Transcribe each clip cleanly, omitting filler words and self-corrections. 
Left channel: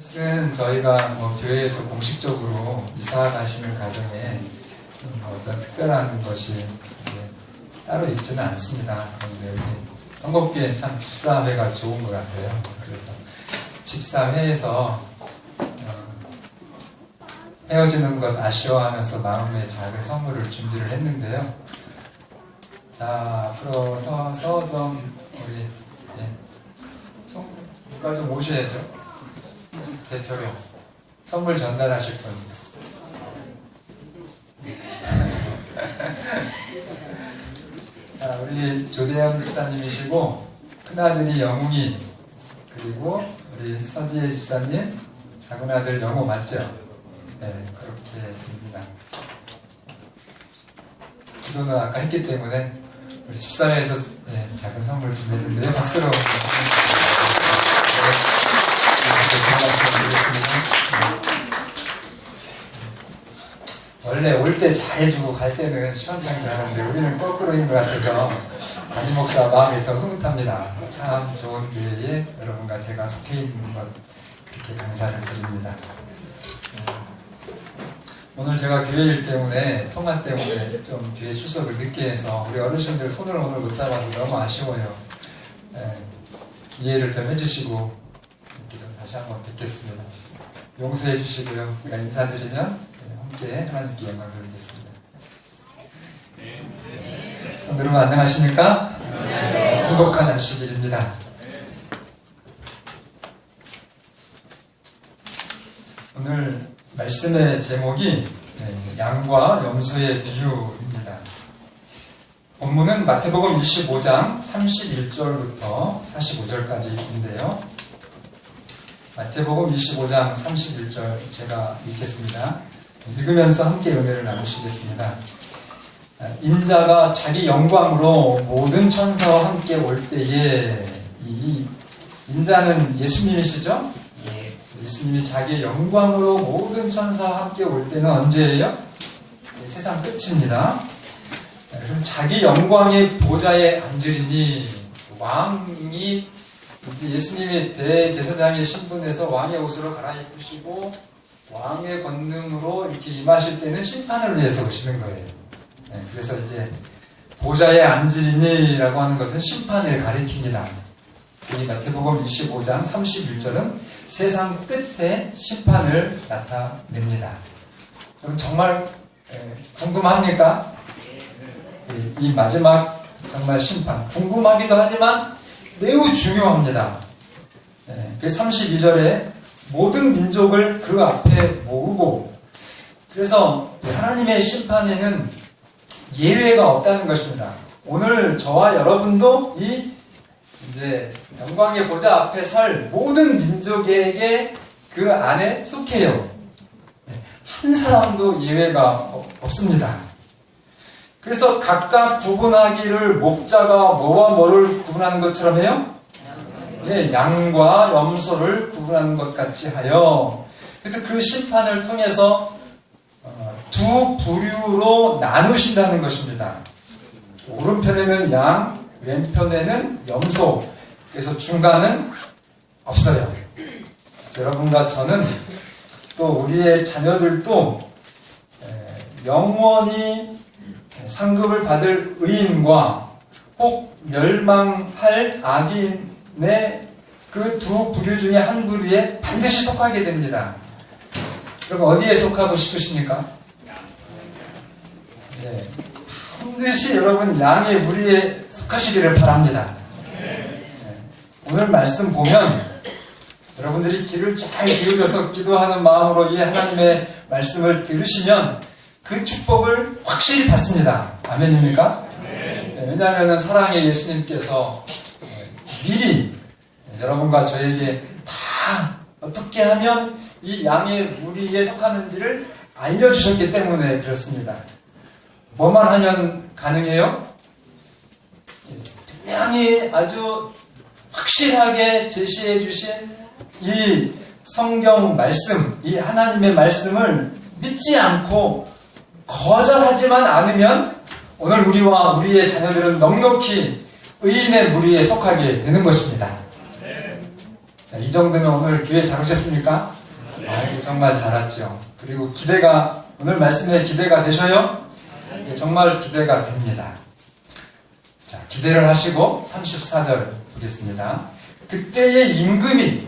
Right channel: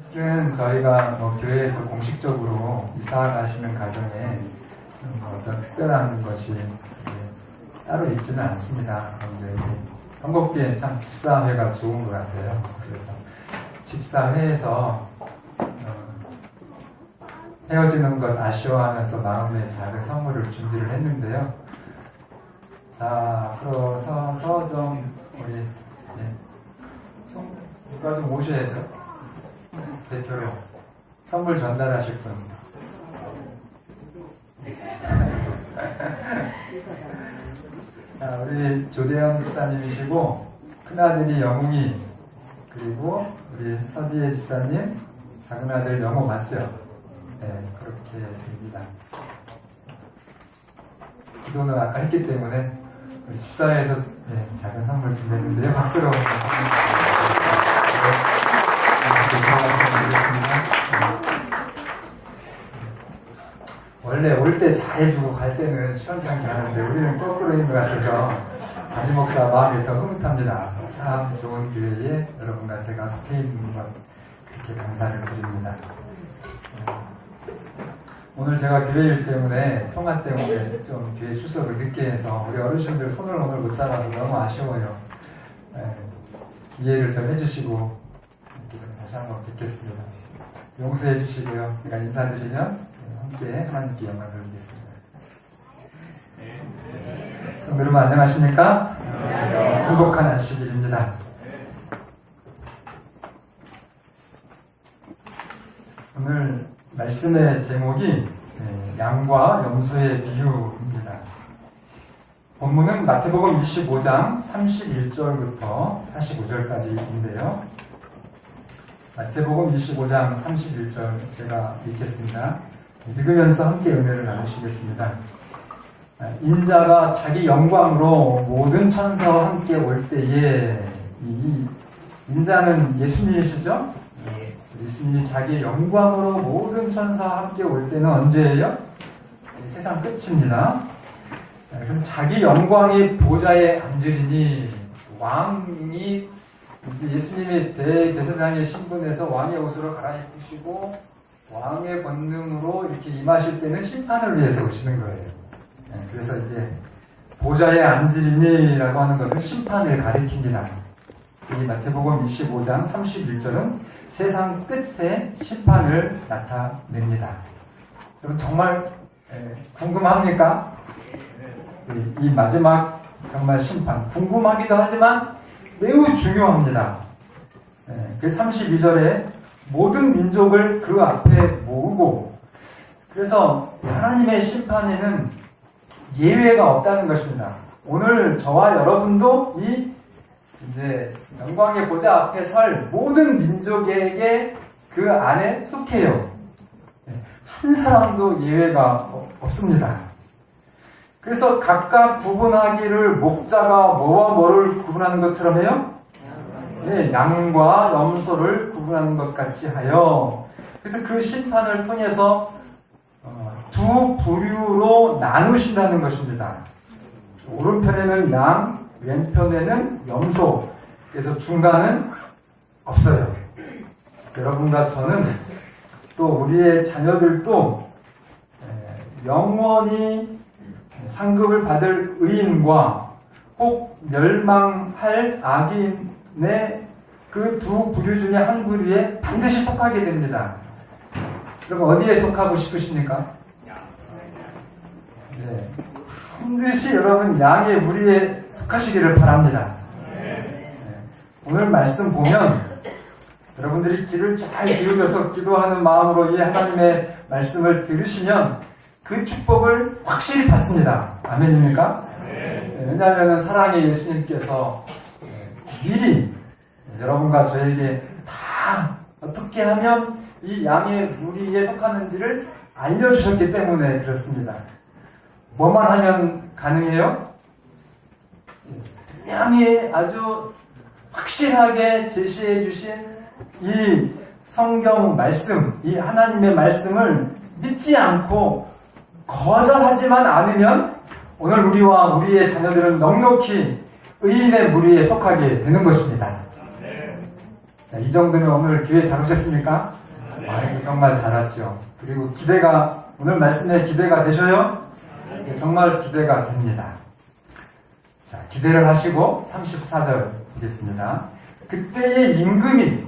사실은 저희가 교회에서 공식적으로 이사 가시는 과정에 어떤 특별한 것이 따로 있지는 않습니다. 그런데 선곡비엔 참 집사회가 좋은 것 같아요. 그래서 집사회에서 헤어지는 것 아쉬워하면서 마음의 작은 선물을 준비를 했는데요. 자, 앞으로 서서 좀 우리 누가 좀 오셔야죠. 대표로 선물 전달하실 분. 자, 우리 조대영 집사님이시고 큰아들이 영웅이, 그리고 우리 서지혜 집사님 작은아들 영호 맞죠? 네, 그렇게 됩니다. 기도는 아까 했기 때문에 우리 집사회에서 작은 선물 준비했는데요. 박수로 원래 올 때 잘해주고 갈 때는 시원찮게 하는데 우리는 거꾸로인 것 같아서 담임 목사 마음이 더 흐뭇합니다. 참 좋은 교회에 여러분과 제가 속해 있는 것, 그렇게 감사를 드립니다. 오늘 제가 교회일 때문에 통화 때문에 좀 교회 출석을 늦게 해서 우리 어르신들 손을 오늘 못 잡아서 너무 아쉬워요. 이해를 좀 해주시고 다시 한번 뵙겠습니다. 용서해 주시고요. 우리가 인사드리면 함께 하나님께 영광 돌리겠습니다. 여러분 안녕하십니까? 행복한 안식일입니다. 오늘 말씀의 제목이 양과 염소의 비유입니다. 본문은 마태복음 25장 31절부터 45절까지인데요. 마태복음 25장 31절 제가 읽겠습니다. 읽으면서 함께 은혜를 나누시겠습니다. 인자가 자기 영광으로 모든 천사와 함께 올 때에, 이 인자는 예수님이시죠? 예수님이 자기 영광으로 모든 천사와 함께 올 때는 언제예요? 세상 끝입니다. 그래서 자기 영광의 보좌에 앉으리니, 왕이 예수님이 대제사장의 신분에서 왕의 옷으로 갈아입으시고 왕의 권능으로 이렇게 임하실 때는 심판을 위해서 오시는 거예요. 그래서 이제 보좌에 앉으리니라고 하는 것은 심판을 가리킵니다. 이 마태복음 25장 31절은 세상 끝에 심판을 나타냅니다. 여러분 정말 궁금합니까? 이 마지막 정말 심판 궁금하기도 하지만 매우 중요합니다. 그래서 32절에 모든 민족을 그 앞에 모으고, 그래서 하나님의 심판에는 예외가 없다는 것입니다. 오늘 저와 여러분도 이 이제 영광의 보좌 앞에 설 모든 민족에게 그 안에 속해요. 한 사람도 예외가 없습니다. 그래서 각각 구분하기를 목자가 뭐와 뭐를 구분하는 것처럼 해요? 양과 염소를 구분하는 것 같이 하여, 그래서 그 심판을 통해서 두 부류로 나누신다는 것입니다. 오른편에는 양, 왼편에는 염소, 그래서 중간은 없어요. 그래서 여러분과 저는 또 우리의 자녀들도 영원히 상급을 받을 의인과 꼭 멸망할 악인의 그 두 부류 중에 한 부류에 반드시 속하게 됩니다. 그럼 어디에 속하고 싶으십니까? 반드시 여러분 양의 무리에 속하시기를 바랍니다. 오늘 말씀 보면 여러분들이 귀를 잘 기울여서 기도하는 마음으로 이 하나님의 말씀을 들으시면 그 축복을 확실히 받습니다. 아멘입니까? 왜냐하면 사랑의 예수님께서 미리 여러분과 저에게 다 어떻게 하면 이 양의 무리에 속하는지를 알려주셨기 때문에 그렇습니다. 뭐만 하면 가능해요? 분명히 아주 확실하게 제시해 주신 이 성경 말씀, 이 하나님의 말씀을 믿지 않고 거절하지만 않으면 오늘 우리와 우리의 자녀들은 넉넉히 의인의 무리에 속하게 되는 것입니다. 이 정도면 오늘 교회 잘 오셨습니까? 아이고, 정말 잘 왔죠. 그리고 기대가, 오늘 말씀에 기대가 되셔요? 정말 기대가 됩니다. 자, 기대를 하시고 34절 보겠습니다. 그때의 임금이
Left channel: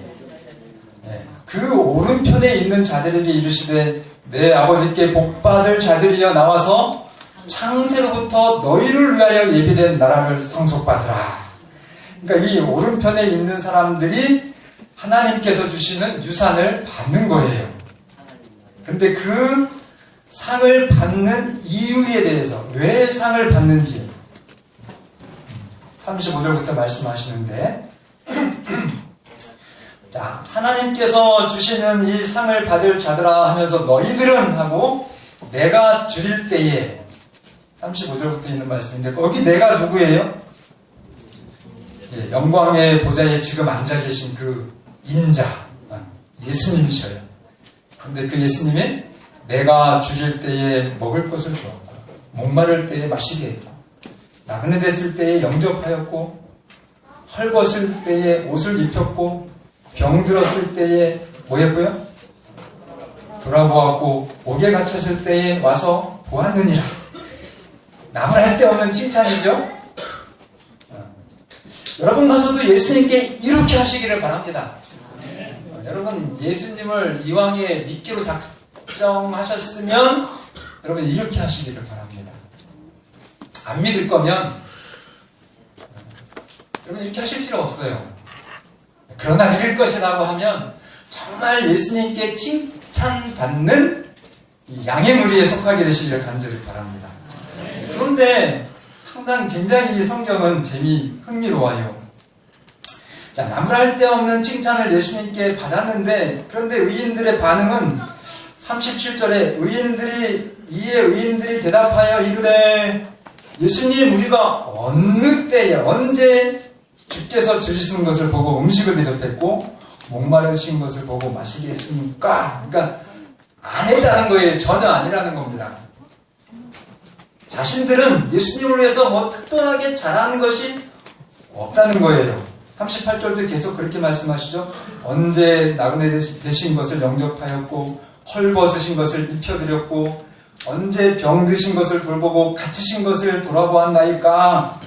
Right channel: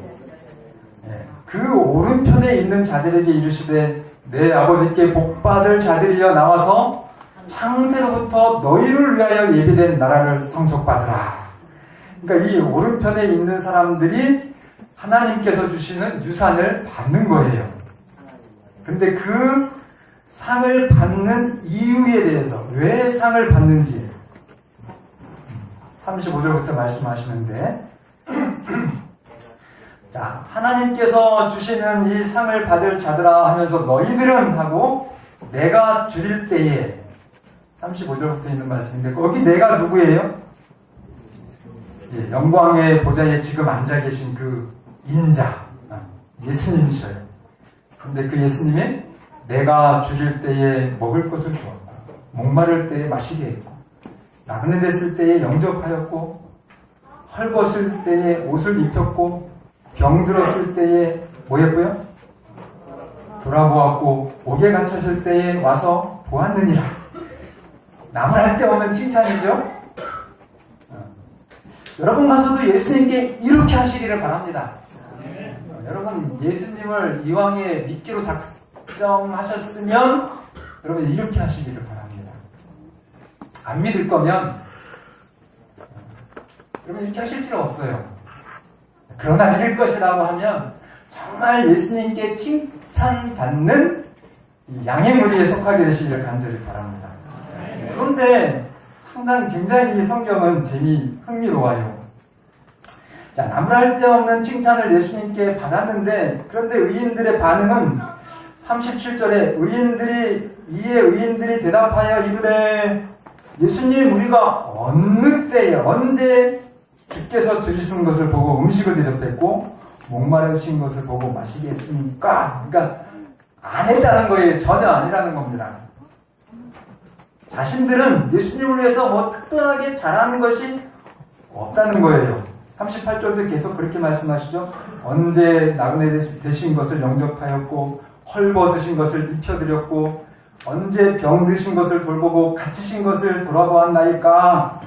그 오른편에 있는 자들에게 이르시되 내 아버지께 복받을 자들이여 나와서 창세로부터 너희를 위하여 예비된 나라를 상속받으라. 그러니까 이 오른편에 있는 사람들이 하나님께서 주시는 유산을 받는 거예요. 근데 그 상을 받는 이유에 대해서 왜 상을 받는지 35절부터 말씀하시는데 자, 하나님께서 주시는 이 상을 받을 자들아 하면서 너희들은 하고 내가 줄일 때에 35절부터 있는 말씀인데 거기 내가 누구예요? 영광의 보좌에 지금 앉아 계신 그 인자 예수님이셔요. 근데 그 예수님이 내가 줄일 때에 먹을 것을 주었고 목마를 때에 마시게 했다. 나그네 됐을 때에 영접하였고 헐벗을 때에 옷을 입혔고 병들었을 때에 뭐 했고요? 돌아보았고 옥에 갇혔을 때에 와서 보았느니라. 나무랄 데 없는 칭찬이죠. 여러분 가서도 예수님께 이렇게 하시기를 바랍니다. 여러분 예수님을 이왕에 믿기로 작정하셨으면 여러분 이렇게 하시기를 바랍니다. 안 믿을 거면 여러분 이렇게 하실 필요 없어요. 그러나 믿을 것이라고 하면 정말 예수님께 칭찬받는 양의 무리에 속하게 되시기를 간절히 바랍니다. 그런데 상당히 굉장히 이 성경은 흥미로워요. 자, 나무랄 데 없는 칭찬을 예수님께 받았는데 그런데 의인들의 반응은 37절에 이에 의인들이 대답하여 이르되 예수님 우리가 어느 때에 언제 주께서 주시는 것을 보고 음식을 대접했고 목마르신 것을 보고 마시게 했습니까? 그러니까 아니라는 거예요. 전혀 아니라는 겁니다. 자신들은 예수님을 위해서 뭐 특별하게 잘하는 것이 없다는 거예요. 38절도 계속 그렇게 말씀하시죠. 언제 나그네 되신 것을 영접하였고 헐벗으신 것을 입혀드렸고 언제 병드신 것을 돌보고 갇히신 것을 돌아보았나이까.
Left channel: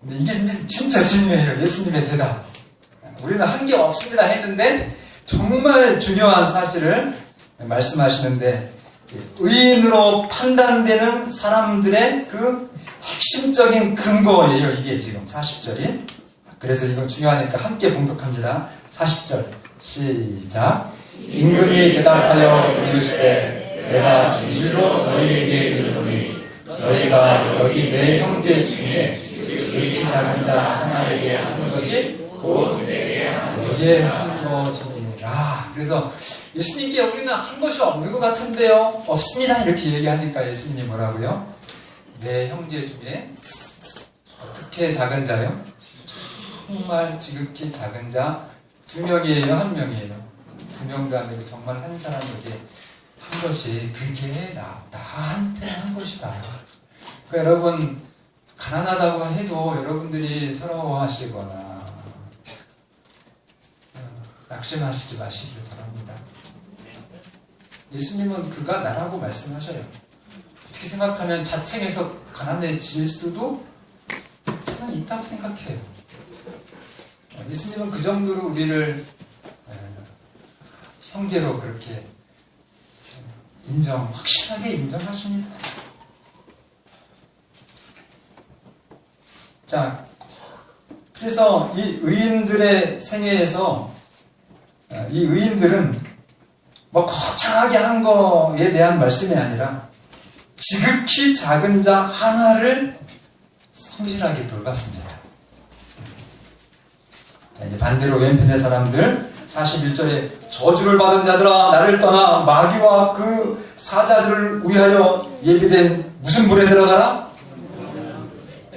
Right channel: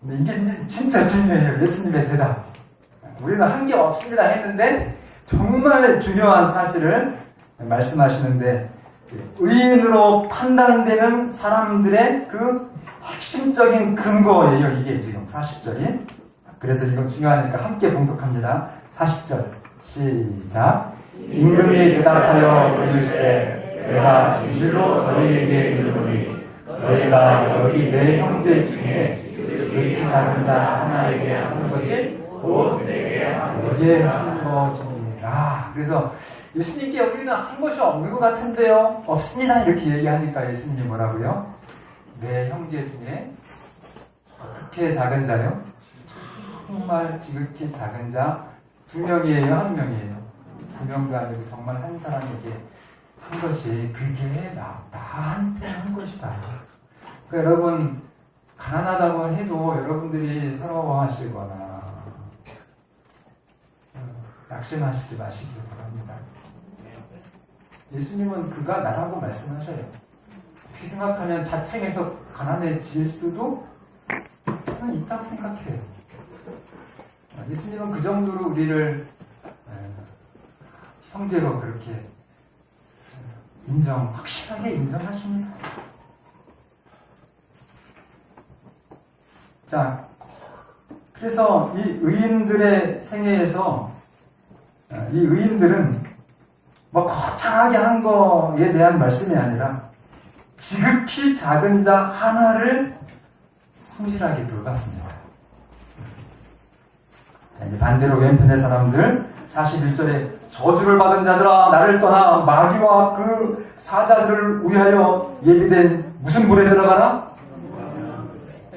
근데 이게 진짜 중요해요. 예수님의 대답. 우리는 한 게 없습니다 했는데 정말 중요한 사실을 말씀하시는데 의인으로 판단되는 사람들의 그 핵심적인 근거예요. 이게 지금 40절이. 그래서 이건 중요하니까 함께 봉독합니다. 40절 시작. 임금이 대답하여 이르시되 내가 진실로 너희에게 이르노니 너희가 여기 내 형제 중에 지극히 작은 자 하나에게 하는 것이 곧 내게 한 것이니라. 그래서 예수님께 우리는 한 것이 없는 것 같은데요. 없습니다. 이렇게 얘기하니까 예수님이 뭐라고요? 내 형제 중에 어떻게 작은 자요? 정말 지극히 작은 자 2명이에요? 1명이에요? 2명도 안 되고 정말 한 사람에게 한 것이 그게 나한테 한 것이다. 그러니까 여러분 가난하다고 해도 여러분들이 서러워하시거나 낙심하시지 마시기를 바랍니다. 예수님은 그가 나라고 말씀하셔요. 어떻게 생각하면 자칭해서 가난해질 수도 저는 있다고 생각해요. 예수님은 그 정도로 우리를 형제로 그렇게 확실하게 인정하십니다. 자, 그래서 이 의인들의 생애에서 이 의인들은 뭐 거창하게 한 거에 대한 말씀이 아니라 지극히 작은 자 하나를 성실하게 돌봤습니다. 자, 이제 반대로 왼편의 사람들 41절에 저주를 받은 자들아 나를 떠나 마귀와 그 사자들을 위하여 예비된 무슨 불에 들어가라?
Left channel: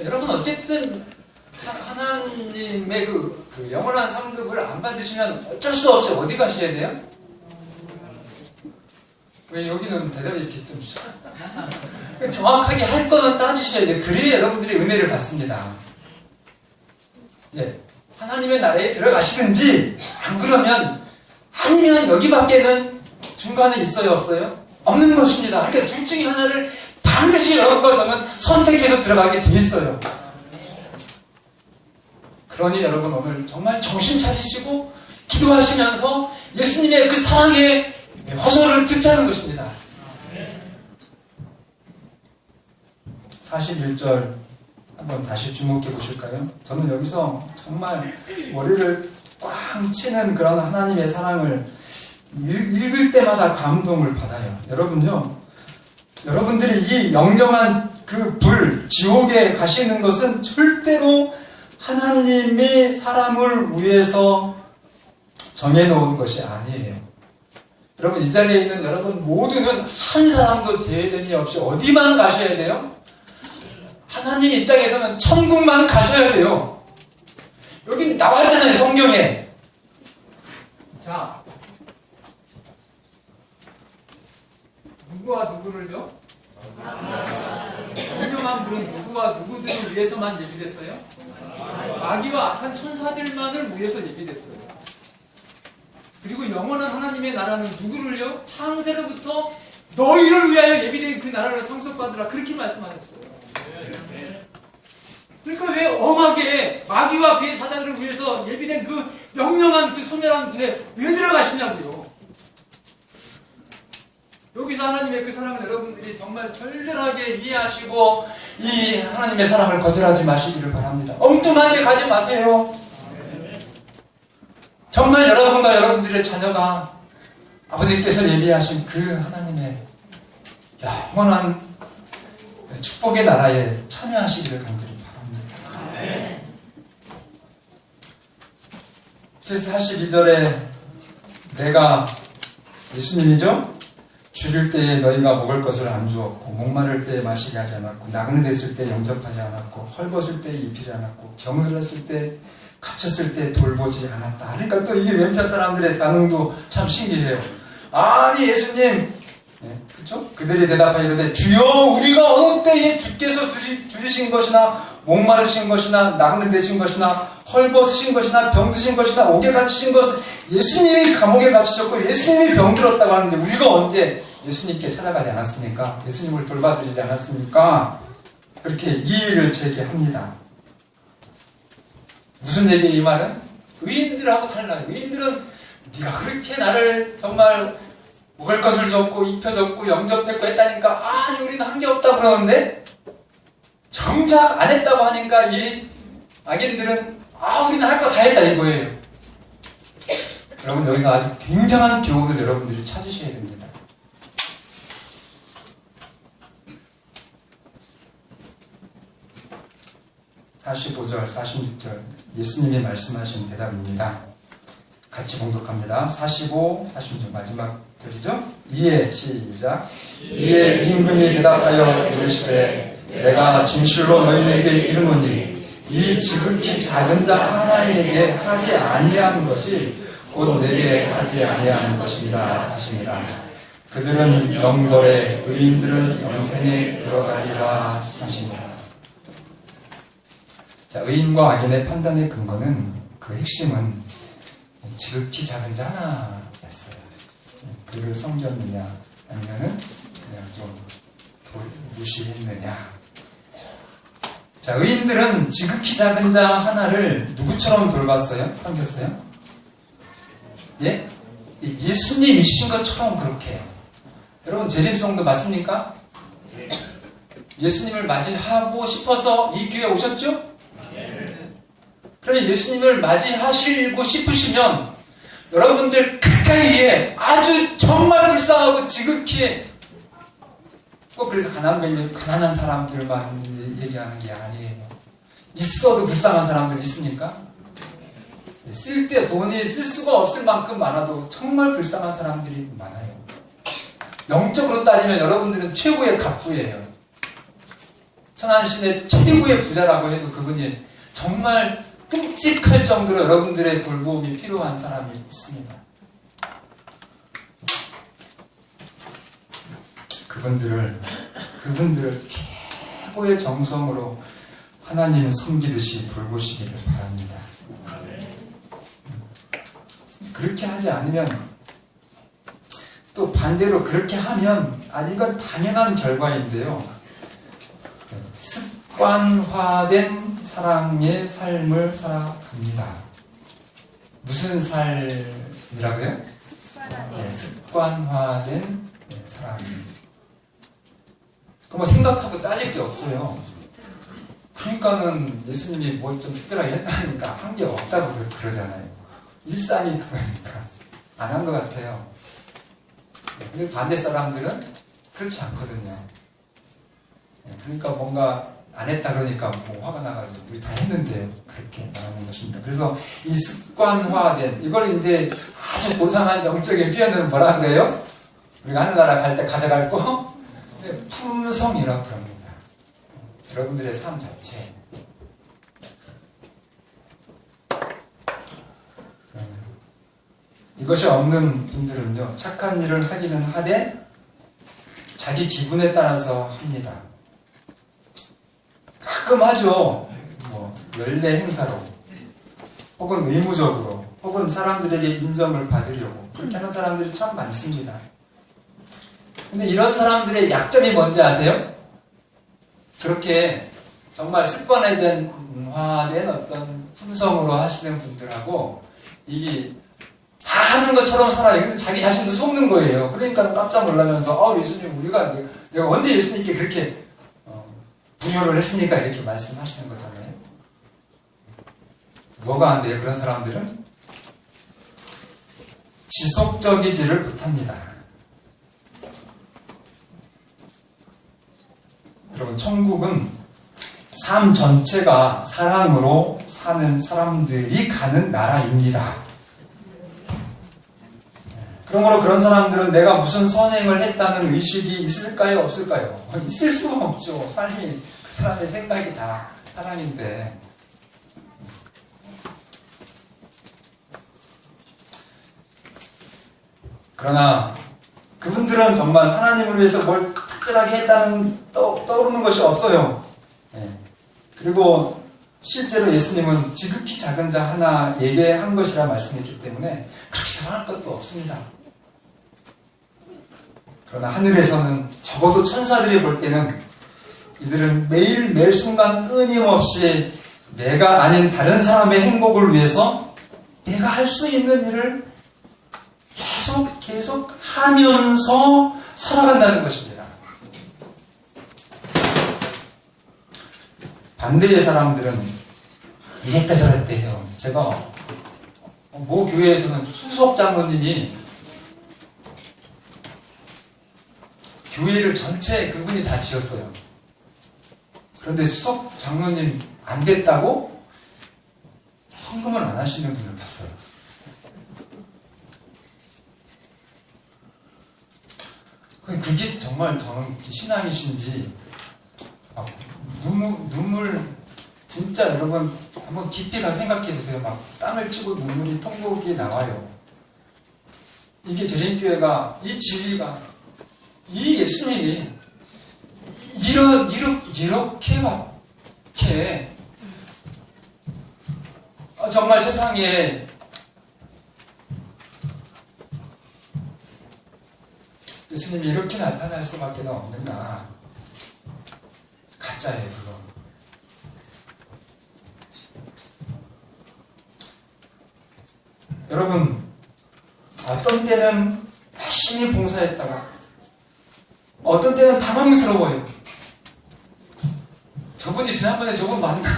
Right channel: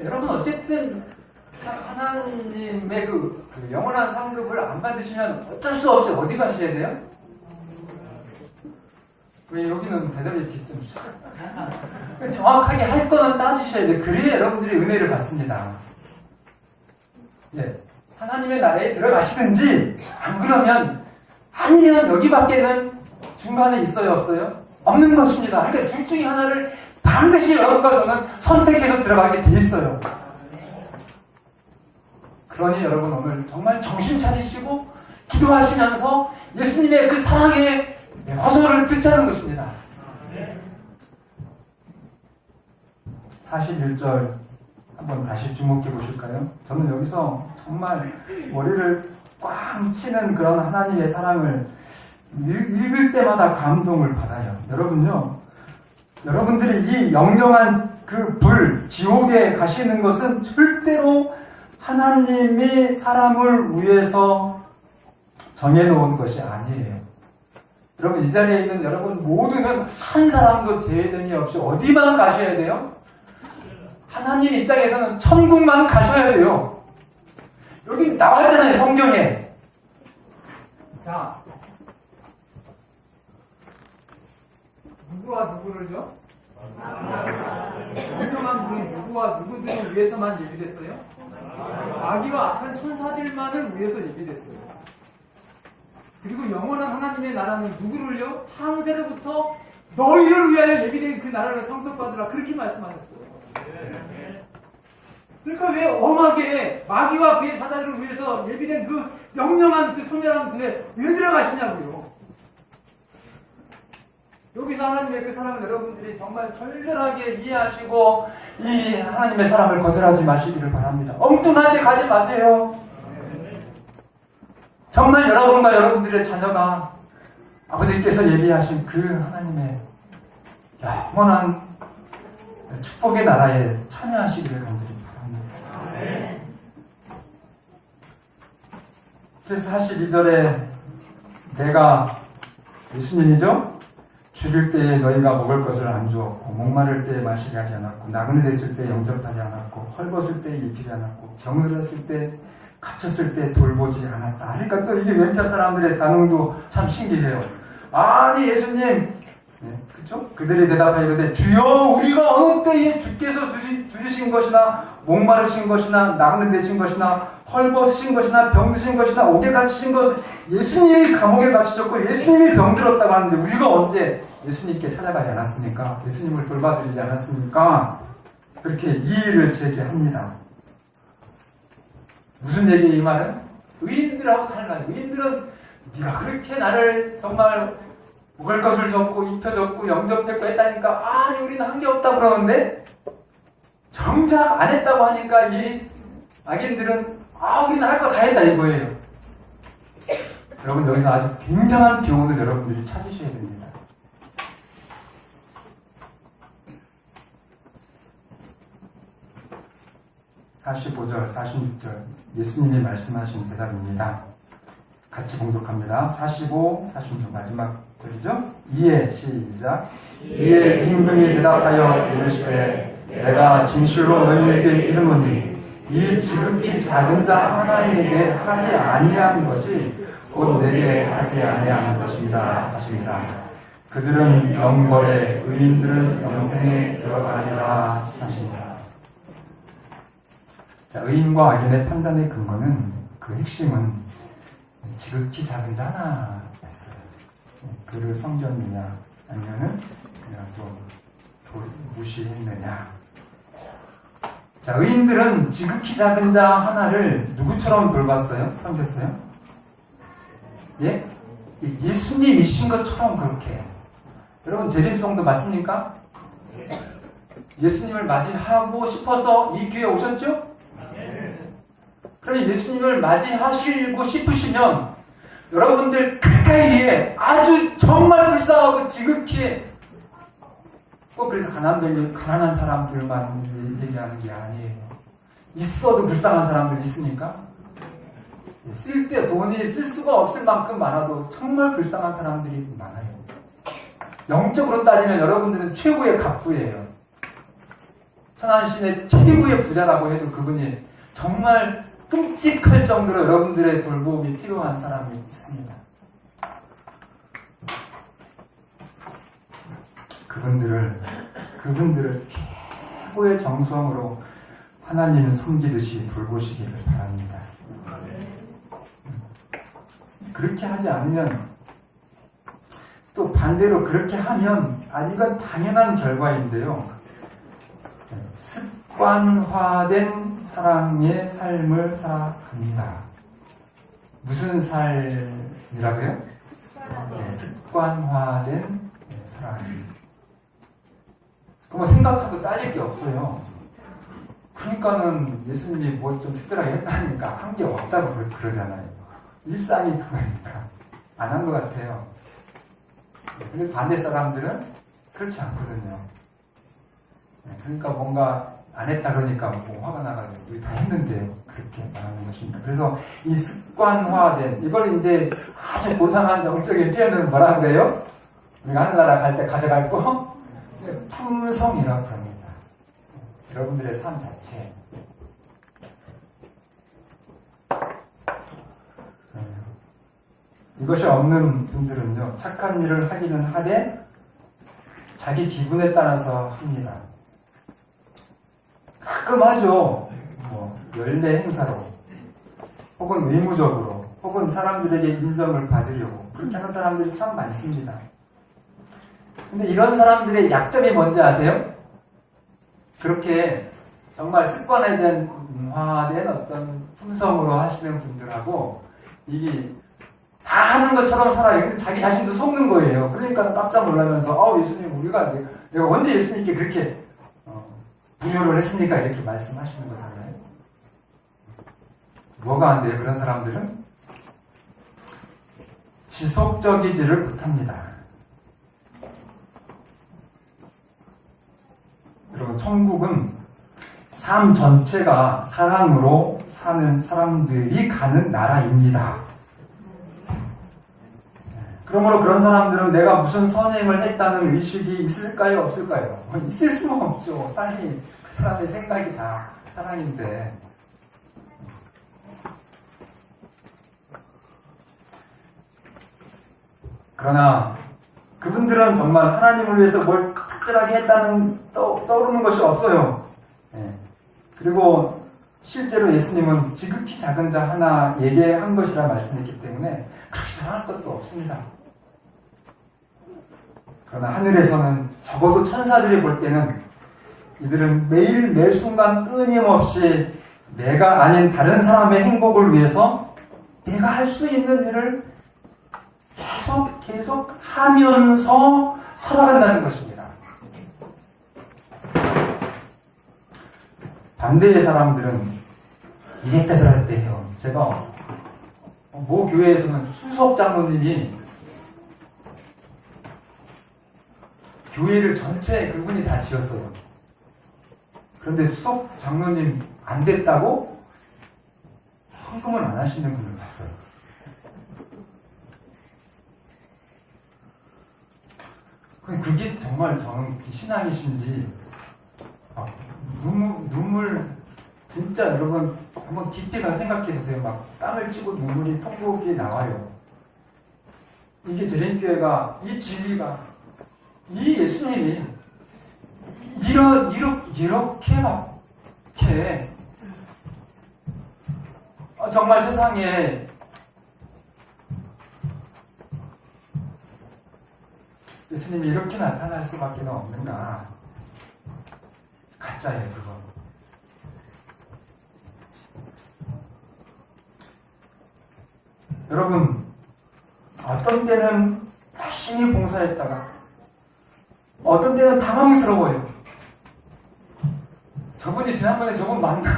여러분 어쨌든 하나님의 그 영원한 상급을 안 받으시면 어쩔 수 없이 어디 가셔야 돼요? 왜 여기는 대답이 이렇게 좀 정확하게 할 거는 따지셔야 돼요. 그래야 여러분들이 은혜를 받습니다. 예, 하나님의 나라에 들어가시든지, 안 그러면 아니면 여기밖에는 중간에 있어요, 없어요? 없는 것입니다. 그러니까 둘 중에 하나를 반드시 여러분과 저는 선택해서 들어가게 돼 있어요. 그러니 여러분 오늘 정말 정신 차리시고 기도하시면서 예수님의 그 사랑의 호소를 듣자는 것입니다. 41절 한번 다시 주목해 보실까요? 저는 여기서 정말 머리를 꽝 치는 그런 하나님의 사랑을 읽을 때마다 감동을 받아요. 여러분요, 여러분들이 이 영영한 그 불, 지옥에 가시는 것은 절대로 하나님의 사람을 위해서 정해놓은 것이 아니에요. 여러분, 이 자리에 있는 여러분 모두는 한 사람도 제외됨이 없이 어디만 가셔야 돼요? 하나님 입장에서는 천국만 가셔야 돼요. 여기 나왔잖아요, 성경에. 자, 누구와 누구를요? 영영한 불은 누구와 누구들을 위해서만 예비됐어요? 마귀와 악한 천사들만을 위해서 예비됐어요. 그리고 영원한 하나님의 나라는 누구를요? 창세로부터 너희를 위하여 예비된 그 나라를 상속받으라, 그렇게 말씀하셨어요. 그러니까 왜 엄하게 마귀와 그의 사자들을 위해서 예비된 그 영영한 그 소멸한 분에 왜 들어가시냐고요. 여기서 하나님의 그 사랑을 여러분들이 정말 절절하게 이해하시고 이 하나님의 사랑을 거절하지 마시기를 바랍니다. 엉뚱한 데 가지 마세요. 정말 여러분과 여러분들의 자녀가 아버지께서 예비하신 그 하나님의 영원한 축복의 나라에 참여하시기를 간절히 바랍니다. 그래서 42절에 내가 예수님이죠? 줄일 때에 너희가 먹을 것을 안 주었고, 목마를 때에 마시게 하지 않았고, 나그네됐을 때 영접하지 않았고, 헐벗을 때에 입히지 않았고, 병들었을 때 갇혔을 때 돌보지 않았다. 그러니까 또 이게 왼편 사람들의 반응도 참 신기해요. 아니 예수님, 네, 그렇죠? 그들이 대답하여 이르되 주여 우리가 어느 때에 주께서 줄이신 것이나 목마르신 것이나 나그네되신 것이나 헐벗으신 것이나 병드신 것이나 옥에 갇히신 것은 예수님이 감옥에 갇히셨고 예수님이 병들었다고 하는데 우리가 언제 예수님께 찾아가지 않았습니까? 예수님을 돌봐드리지 않았습니까? 그렇게 이의를 제기합니다. 무슨 얘기예요 이 말은? 의인들하고 달라요. 의인들은 네가 그렇게 나를 정말 먹을 것을 줬고 입혀줬고 영접했고 했다니까 아니 우리는 한 게 없다고 그러는데 정작 안 했다고 하니까 이 악인들은 우리는 할 거 다 했다 이거예요. 여러분 여기서 아주 굉장한 교훈을 여러분들이 찾으셔야 됩니다. (45절) (46절) 예수님이 말씀하신 대답입니다. 같이 봉독합니다. 45, 46 마지막 절이죠. 이에 시작. 이에 임금이 대답하여 이르시되 내가 진실로 너희에게 이르노니 이 지극히 작은 자 하나에게 하지 아니한 것이 곧 내게 하지 아니한 것이라 하십니다. 그들은 영벌에 의인들은 영생에 들어가리라 하십니다. 자, 의인과 악인의 판단의 근거는 그 핵심은 지극히 작은 자나였어요. 그를 섬겼느냐 아니면은 그냥 좀 무시했느냐. 자, 의인들은 지극히 작은 자 하나를 누구처럼 돌봤어요? 섬겼어요? 예? 예수님이신 것처럼 그렇게 해요. 여러분 재림성도 맞습니까? 예수님을 맞이하고 싶어서 이 교회에 오셨죠? 그러면 예수님을 맞이하시고 싶으시면 여러분들 가까이에 아주 정말 불쌍하고 지극히 꼭 그래서 가난한 사람들만 얘기하는 게 아니에요. 있어도 불쌍한 사람들 있습니까? 쓸 때 돈이 쓸 수가 없을 만큼 많아도 정말 불쌍한 사람들이 많아요. 영적으로 따지면 여러분들은 최고의 갑부예요. 천안신의 최고의 부자라고 해도 그분이 정말 끔찍할 정도로 여러분들의 돌봄이 필요한 사람이 있습니다. 그분들을 최고의 정성으로 하나님 섬기듯이 돌보시기를 바랍니다. 그렇게 하지 않으면, 또 반대로 그렇게 하면, 이건 당연한 결과인데요. 습관화된 사랑의 삶을 살아갑니다. 무슨 삶이라고요? 습관화된 사랑. 그럼 생각하고 따질 게 없어요. 그러니까는 예수님이 뭐 좀 특별하게 했다니까 한 게 없다고 그러잖아요. 일상이 그거니까 안 한 것 같아요. 근데 반대 사람들은 그렇지 않거든요. 그러니까 뭔가 안 했다 그러니까 뭐 화가 나가지고 우리 다 했는데 그렇게 말하는 것입니다. 그래서 이 습관화된, 이걸 이제 아주 고상한 영적인 표현은 뭐라 그래요? 우리가 하늘나라 갈 때 가져갈 거? 품성이라고 합니다. 여러분들의 삶 자체. 이것이 없는 분들은요, 착한 일을 하기는 하되 자기 기분에 따라서 합니다. 가끔 하죠. 뭐 연례 행사로, 혹은 의무적으로, 혹은 사람들에게 인정을 받으려고 그렇게 하는 사람들이 참 많습니다. 근데 이런 사람들의 약점이 뭔지 아세요? 그렇게 정말 습관화된 어떤 품성으로 하시는 분들하고 이게 다 하는 것처럼 살아요. 근데 자기 자신도 속는 거예요. 그러니까 깜짝 놀라면서 예수님, 우리가 내가 언제 예수님께 그렇게 부여를 했으니까 이렇게 말씀하시는 거잖아요. 뭐가 안 돼요? 그런 사람들은 지속적이지를 못합니다. 여러분, 천국은 삶 전체가 사랑으로 사는 사람들이 가는 나라입니다. 그러므로 그런 사람들은 내가 무슨 선행을 했다는 의식이 있을까요? 없을까요? 있을 수가 없죠. 삶이 그 사람의 생각이 다 사랑인데. 그러나 그분들은 정말 하나님을 위해서 뭘 특별하게 했다는 떠오르는 것이 없어요. 그리고 실제로 예수님은 지극히 작은 자 하나에게 한 것이라 말씀했기 때문에 그렇게 잘할 것도 없습니다. 그러나 하늘에서는 적어도 천사들이 볼 때는 이들은 매일 매 순간 끊임없이 내가 아닌 다른 사람의 행복을 위해서 내가 할 수 있는 일을 계속 하면서 살아간다는 것입니다. 반대의 사람들은 이랬다 저랬다 해요. 제가 모 교회에서는 수석 장로님이 교회를 전체 그분이 다 지었어요. 그런데 수석 장로님 안 됐다고 헌금을 안 하시는 분을 봤어요. 그게 정말 저는 신앙이신지 눈물 진짜 여러분 한번 깊이 가 생각해 보세요. 막 땀을 찌고 눈물이 통곡이 나와요. 이게 저림교회가, 이 진리가, 이 예수님이 이렇게 막 이렇게 정말 세상에 예수님이 이렇게 나타날 수밖에 없는가. 가짜예요, 그거. 여러분, 어떤 때는 열심히 봉사했다가 어떤 때는 당황스러워요. 저분이 지난번에 저분 맞나?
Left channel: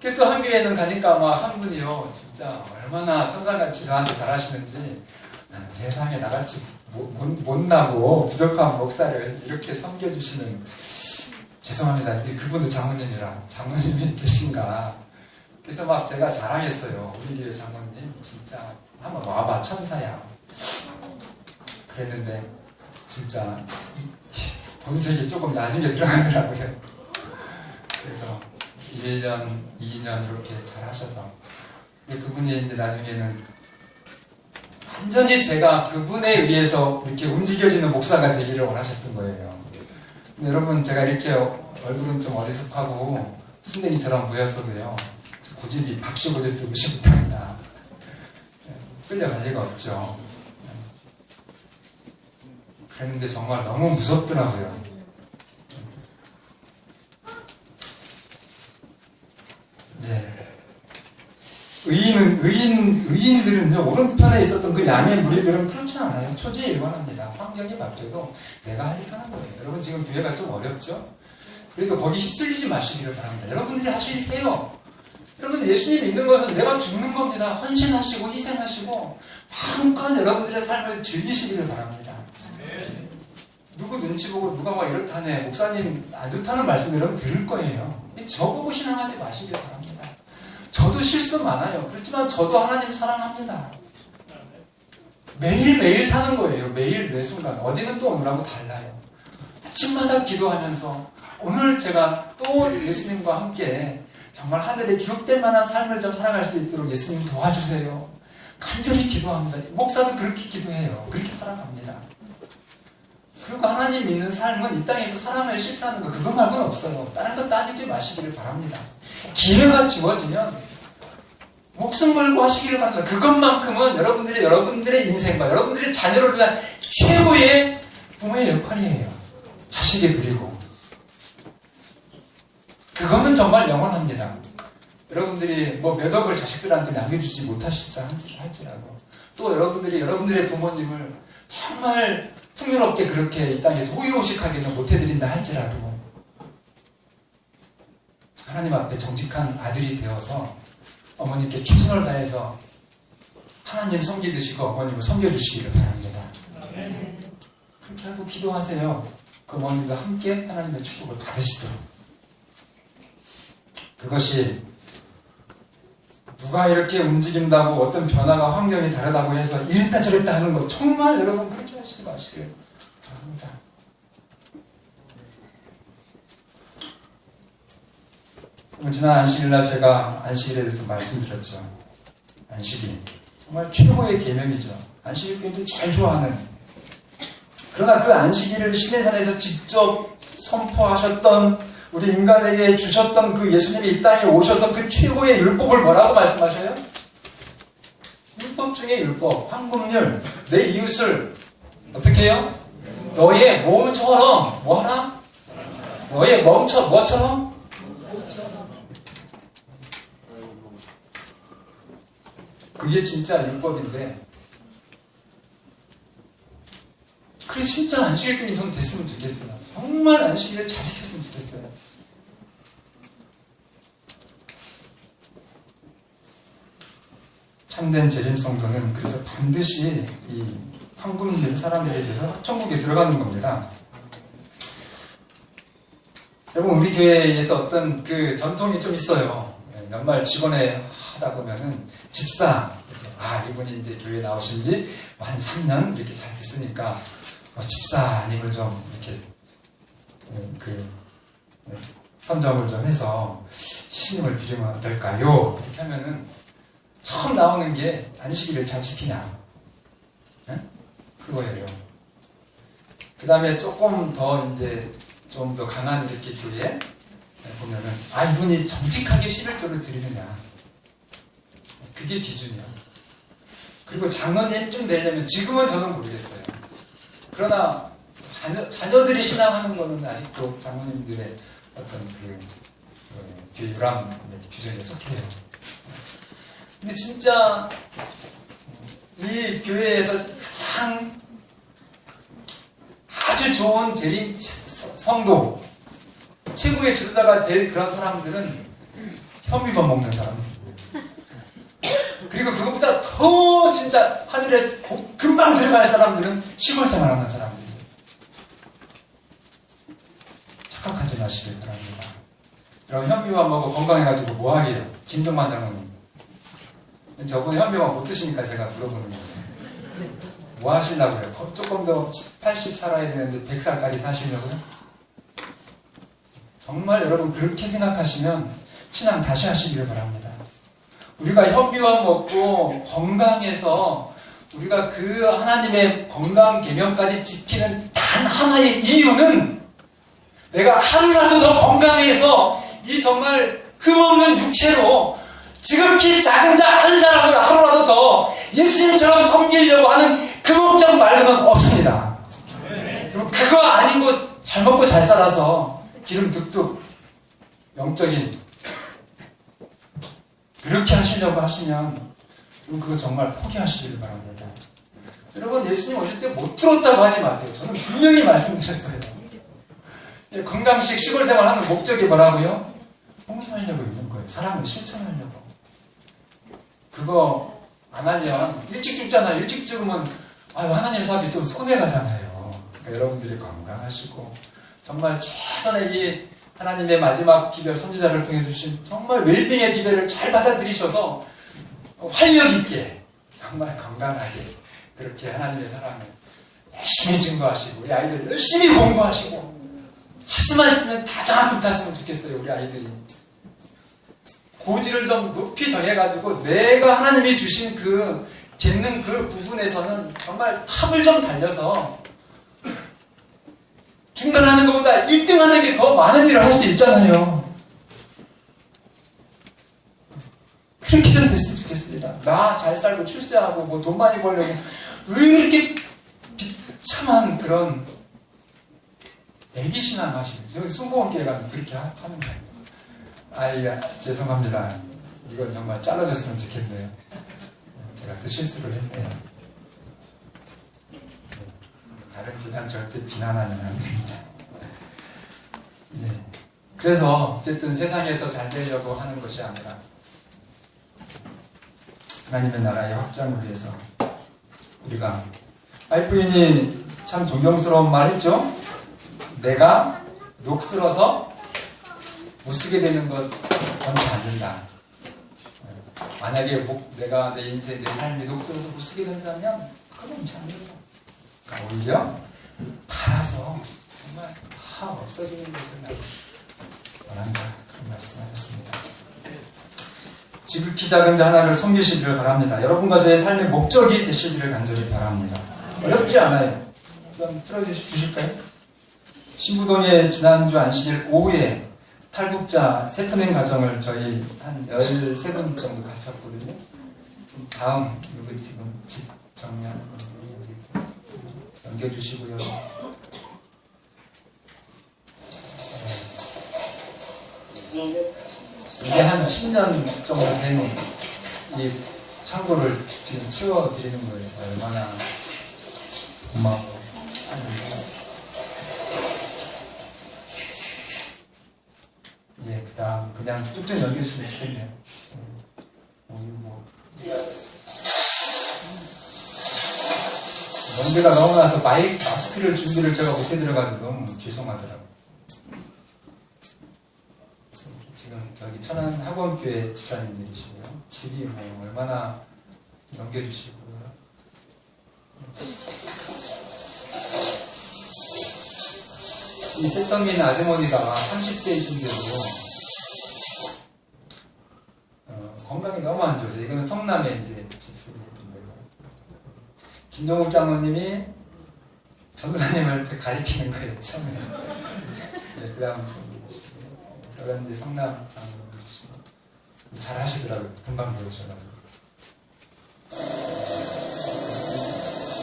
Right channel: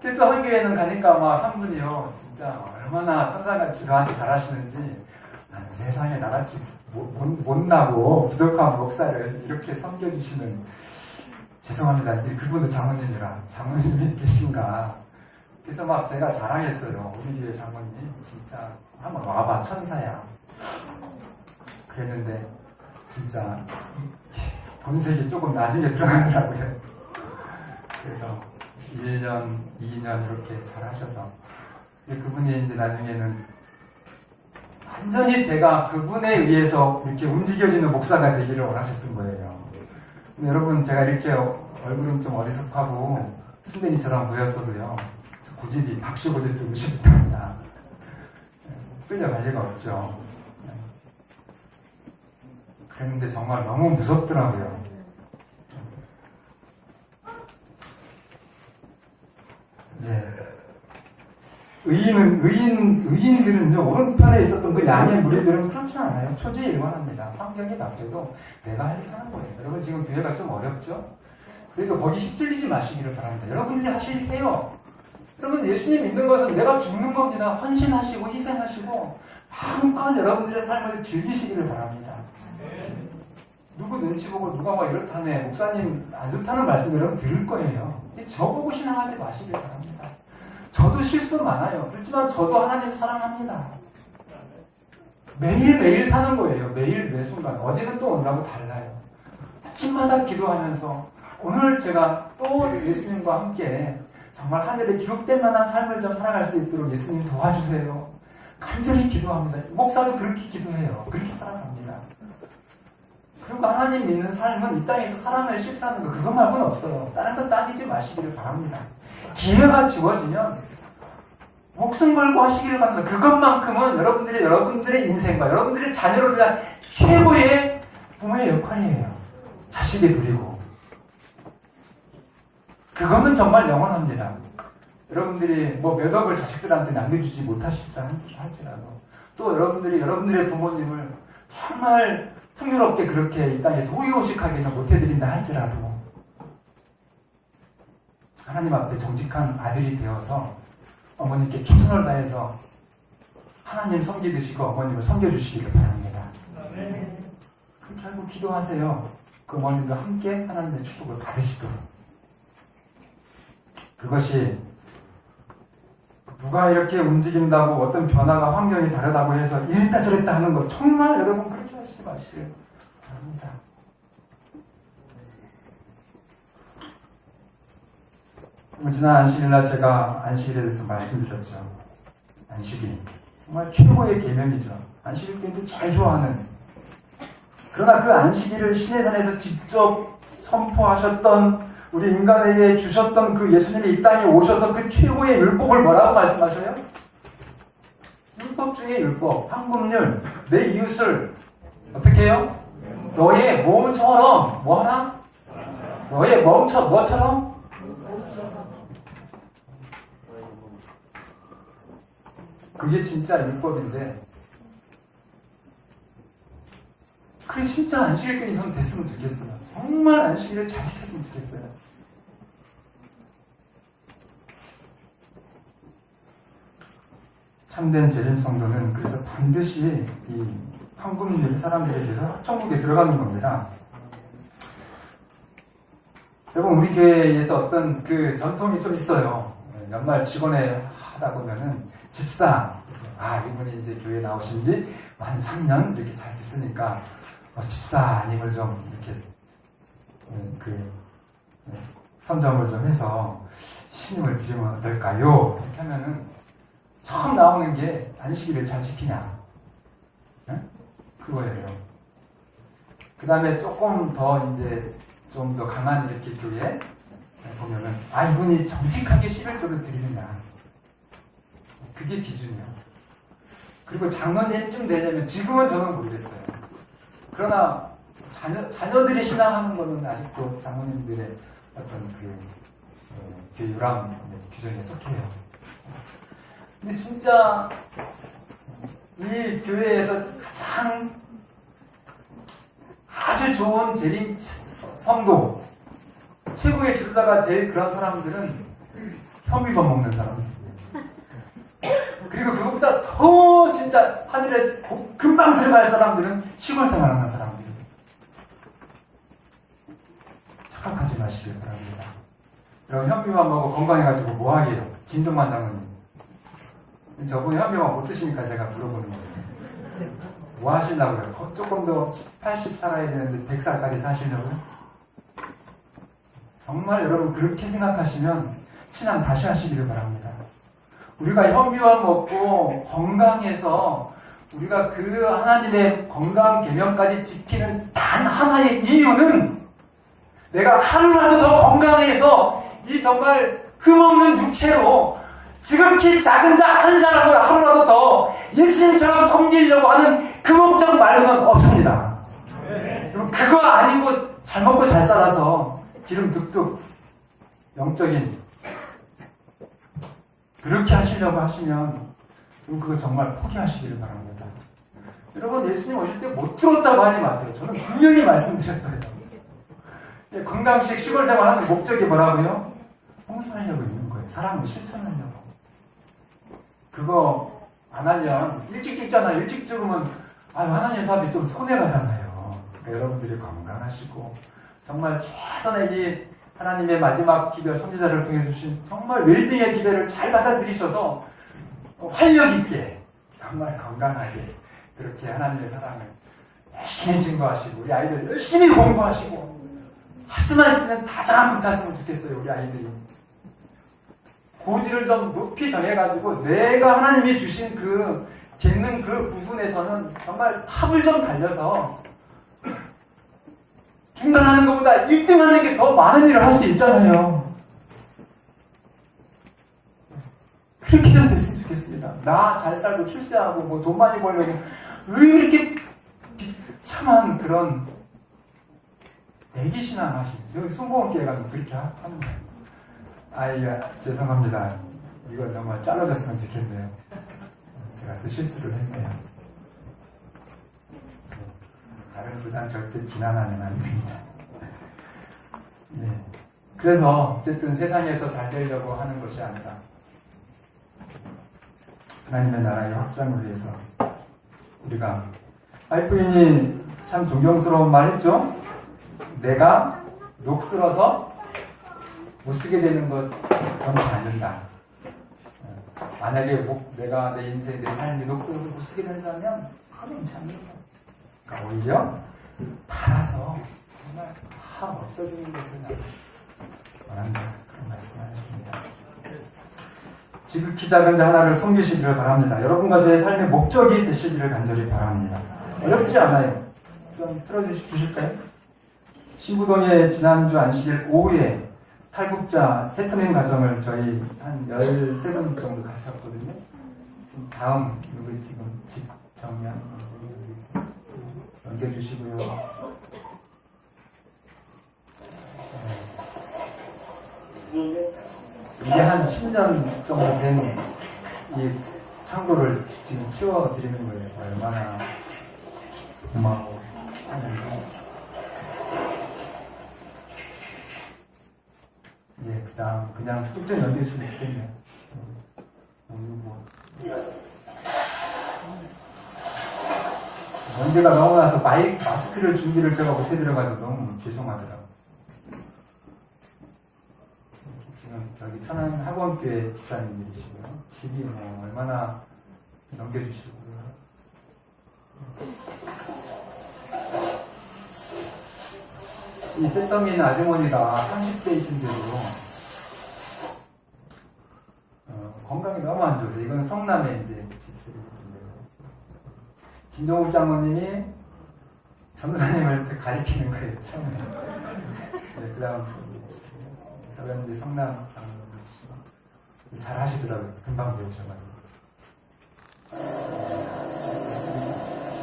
그래서 한 교회는 가니까 막 한 분이요, 진짜 얼마나 천사같이 저한테 잘하시는지, 나는 세상에 나같이 못나고 부족한 목사를 이렇게 섬겨주시는, 죄송합니다. 그분도 장모님이라, 장모님이 계신가. 그래서 막 제가 자랑했어요. 우리 교회 장모님 진짜 한번 와봐, 천사야. 그랬는데 진짜 본색이 조금 나중에 들어가더라고요. 그래서 1년, 2년 이렇게 잘 하셔서, 근데 그분이 이제 나중에는 완전히 제가 그분에 의해서 이렇게 움직여지는 목사가 되기를 원하셨던 거예요. 근데 여러분, 제가 이렇게 얼굴은 좀 어리숙하고 순댕이처럼 보였어도요, 고집이 박씨 고집도 무시부터입니다. 끌려갈 리가 없죠. 그런데 정말 너무 무섭더라고요. 네. 의인들은요, 오른편에 있었던 그 양의 무리들은 그렇지 않아요. 초지일관합니다. 환경이 바뀌어도 내가 할 일 하는 거예요. 여러분, 지금 교회가 좀 어렵죠? 그래도 거기 휩쓸리지 마시기를 바랍니다. 여러분들이 하실 일 해요. 여러분, 예수님 믿는 것은 내가 죽는 겁니다. 헌신하시고 희생하시고 마음껏 여러분들의 삶을 즐기시기를 바랍니다. 누구 눈치 보고 누가 막 이렇다네, 목사님 안 좋다는 말씀 여러분 들을 거예요. 저보고 신앙하지 마시길 바랍니다. 저도 실수 많아요. 그렇지만 저도 하나님 사랑합니다. 매일매일 사는 거예요. 매일 매 순간. 어디는 또 오늘하고 달라요. 아침마다 기도하면서 오늘 제가 또 예수님과 함께 정말 하늘에 기록될 만한 삶을 좀 살아갈 수 있도록 예수님 도와주세요. 간절히 기도합니다. 목사도 그렇게 기도해요. 그렇게 살아갑니다. 그리고 하나님 믿는 삶은 이 땅에서 사람을 실천하는 거 그것 말고는 없어요. 다른 건 따지지 마시기를 바랍니다. 기회가 주어지면 목숨 걸고 하시기를 바랍니다. 그것만큼은 여러분들의 인생과 여러분들의 자녀를 위한 최고의 부모의 역할이에요. 자식이 드리고 그거는 정말 영원합니다. 여러분들이 뭐 몇 억을 자식들한테 남겨주지 못하실지 할지라도 또 여러분들의 부모님을 정말 풍요롭게 그렇게 이 땅에서 호의호식하게는 못해드린다 할지라도 하나님 앞에 정직한 아들이 되어서 어머님께 최선을 다해서 하나님 섬기듯이 그 어머님을 섬겨주시기를 바랍니다. 그렇게 하고 기도하세요. 그 어머님과 함께 하나님의 축복을 받으시도록. 그것이 누가 이렇게 움직인다고 어떤 변화가 환경이 다르다고 해서 이랬다 저랬다 하는 거 정말 여러분 그렇게 하시지 마시길 바랍니다. 지난 안식일날 제가 안식일에 대해서 말씀드렸죠. 안식일 정말 최고의 계명이죠. 안식일 교인들이 제일 좋아하는. 그러나 그 안식일을 시내산에서 직접 선포하셨던 우리 인간에게 주셨던 그 예수님이 이 땅에 오셔서 그 최고의 율법을 뭐라고 말씀하셔요? 율법 중에 율법, 황금률, 내 이웃을 어떻게 해요? 너의 몸처럼 뭐하라? 너의 뭐처럼? 그게 진짜 율법인데 그게 진짜 안식일꾼이 전 됐으면 좋겠어요. 정말 안식일을 잘 지켰으면 좋겠어요. 참된 재림 성도는 그래서 반드시 이 황금률 사람들에 대해서 천국에 들어가는 겁니다. 여러분 우리 교회에서 어떤 그 전통이 좀 있어요. 연말 직원회 하다 보면은 집사 이분이 이제 교회 나오신 지 한 3년 이렇게 잘 됐으니까 집사님을 좀 이렇게 선정을 좀 해서 신임을 드리면 어떨까요? 이렇게 하면은 처음 나오는 게 안식일을 잘 지키냐? 네? 그거예요. 그 다음에 조금 더 이제 좀 더 강한 이렇게 교회 보면은 이분이 정직하게 11조를 드리느냐? 그게 기준이야. 그리고 장로님쯤 되려면 지금은 저는 모르겠어요. 그러나 자녀들이 신앙하는 거는 아직도 장로님들의 어떤 그 유람 규정에 속해요. 근데 진짜 이 교회에서 가장 아주 좋은 재림 성도, 최고의 주자가 될 그런 사람들은 현미밥 먹는 사람들. 그리고 그것보다 더 진짜 하늘에 금방 들어갈 사람들은 시골 생활하는 사람들. 착각하지 마시길 바랍니다. 여러분 현미밥 먹고 건강해가지고 뭐 하게요? 김종만 장로님. 저분 현미밥 못 드시니까 제가 물어보는 거예요. 뭐 하시려고 그래요? 조금 더 80 살아야 되는데 100살까지 사시려고요? 정말 여러분 그렇게 생각하시면 신앙 다시 하시기를 바랍니다. 우리가 현미밥 먹고 건강해서 우리가 그 하나님의 건강 계명까지 지키는 단 하나의 이유는 내가 하루라도 더 건강해서 이 정말 흠없는 육체로 지극히 작은 자 한 사람을 하루라도 더 예수님처럼 섬기려고 하는 그 목적 말고는 없습니다. 그리고 그거 아니고 잘 먹고 잘 살아서 기름 득득 영적인 그렇게 하시려고 하시면 그거 정말 포기하시기를 바랍니다. 여러분, 예수님 오실 때 못 들었다고 하지 마세요. 저는 분명히 말씀드렸어요. 건강식 시골 생활하는 목적이 뭐라고요? 봉사하려고 있는 거예요. 사람을 실천하려고. 그거 안 하면 일찍 죽잖아요. 일찍 죽으면 하나님 사업이 좀 손해가잖아요. 그러니까 여러분들이 건강하시고 정말 최선의 이 하나님의 마지막 기별 선지자를 통해서 주신 정말 웰빙의 기별을 잘 받아들이셔서 활력 있게 정말 건강하게 그렇게 하나님의 사랑을 열심히 증거하시고 우리 아이들 열심히 공부하시고 할수만 있으면 다장 붙었으면 좋겠어요. 우리 아이들이 고지를 좀 높이 정해가지고 내가 하나님이 주신 그 재능 그 부분에서는 정말 탑을 좀 달려서 중간하는 것보다 1등 하는 게 더 많은 일을 할 수 있잖아요. 그렇게 좀 됐으면 좋겠습니다. 나 잘 살고 출세하고 뭐 돈 많이 벌려고 왜 이렇게 비참한 그런 애기신앙 하시는지. 저는 순복음교회 가면 그렇게 하는 거예요. 죄송합니다. 이건 정말 잘라줬으면 좋겠네요. 제가 또 실수를 했네요. 다른 교단 절대 비난하면 안 됩니다. 그래서 어쨌든 세상에서 잘 되려고 하는 것이 아니라 하나님의 나라의 확장을 위해서 우리가 와이프인이 참 존경스러운 말 했죠? 내가 녹슬어서 못 쓰게 되는 것 원치 않는다. 만약에 내가 내 인생, 내 삶이 녹슬어서 못 쓰게 된다면 그건 원치 않는다. 그러니까 오히려 달아서 정말 다 없어지는 것을 원한다. 그런 말씀하셨습니다. 지극히 작은 자 하나를 섬기시기를 바랍니다. 여러분과 저의 삶의 목적이 되시기를 간절히 바랍니다. 어렵지 않아요. 좀 틀어주실까요? 신부동에 지난주 안식일 오후에 탈북자 세터민 가정을 저희 한 13분 정도 가셨거든요. 다음 여기 지금 집 정리하는 거 넘겨주시고요. 이게 한 10년 정도 된 이 창고를 지금 치워드리는 거예요. 얼마나 고마워. 그 다음 그냥 쭉쭉 넘겨주시면 좋겠네요. 먼지가 너무 나서 마스크를 준비를 제가 못해 들어가서 너무 죄송하더라고요. 지금 저기 천안 학원교회 집사님들이시고요. 집이 뭐 얼마나 넘겨주시고요. 이 세터민 아주머니가 30대이신데도 건강이 너무 안 좋으세요. 이건 성남에 이제 집세이신데요. 김종욱 장모님이 전도사님을 가리키는 거예요. 처음에. 그 다음 저는 이제 성남 장모님이시고 잘 하시더라고요. 금방 배우셔가지고.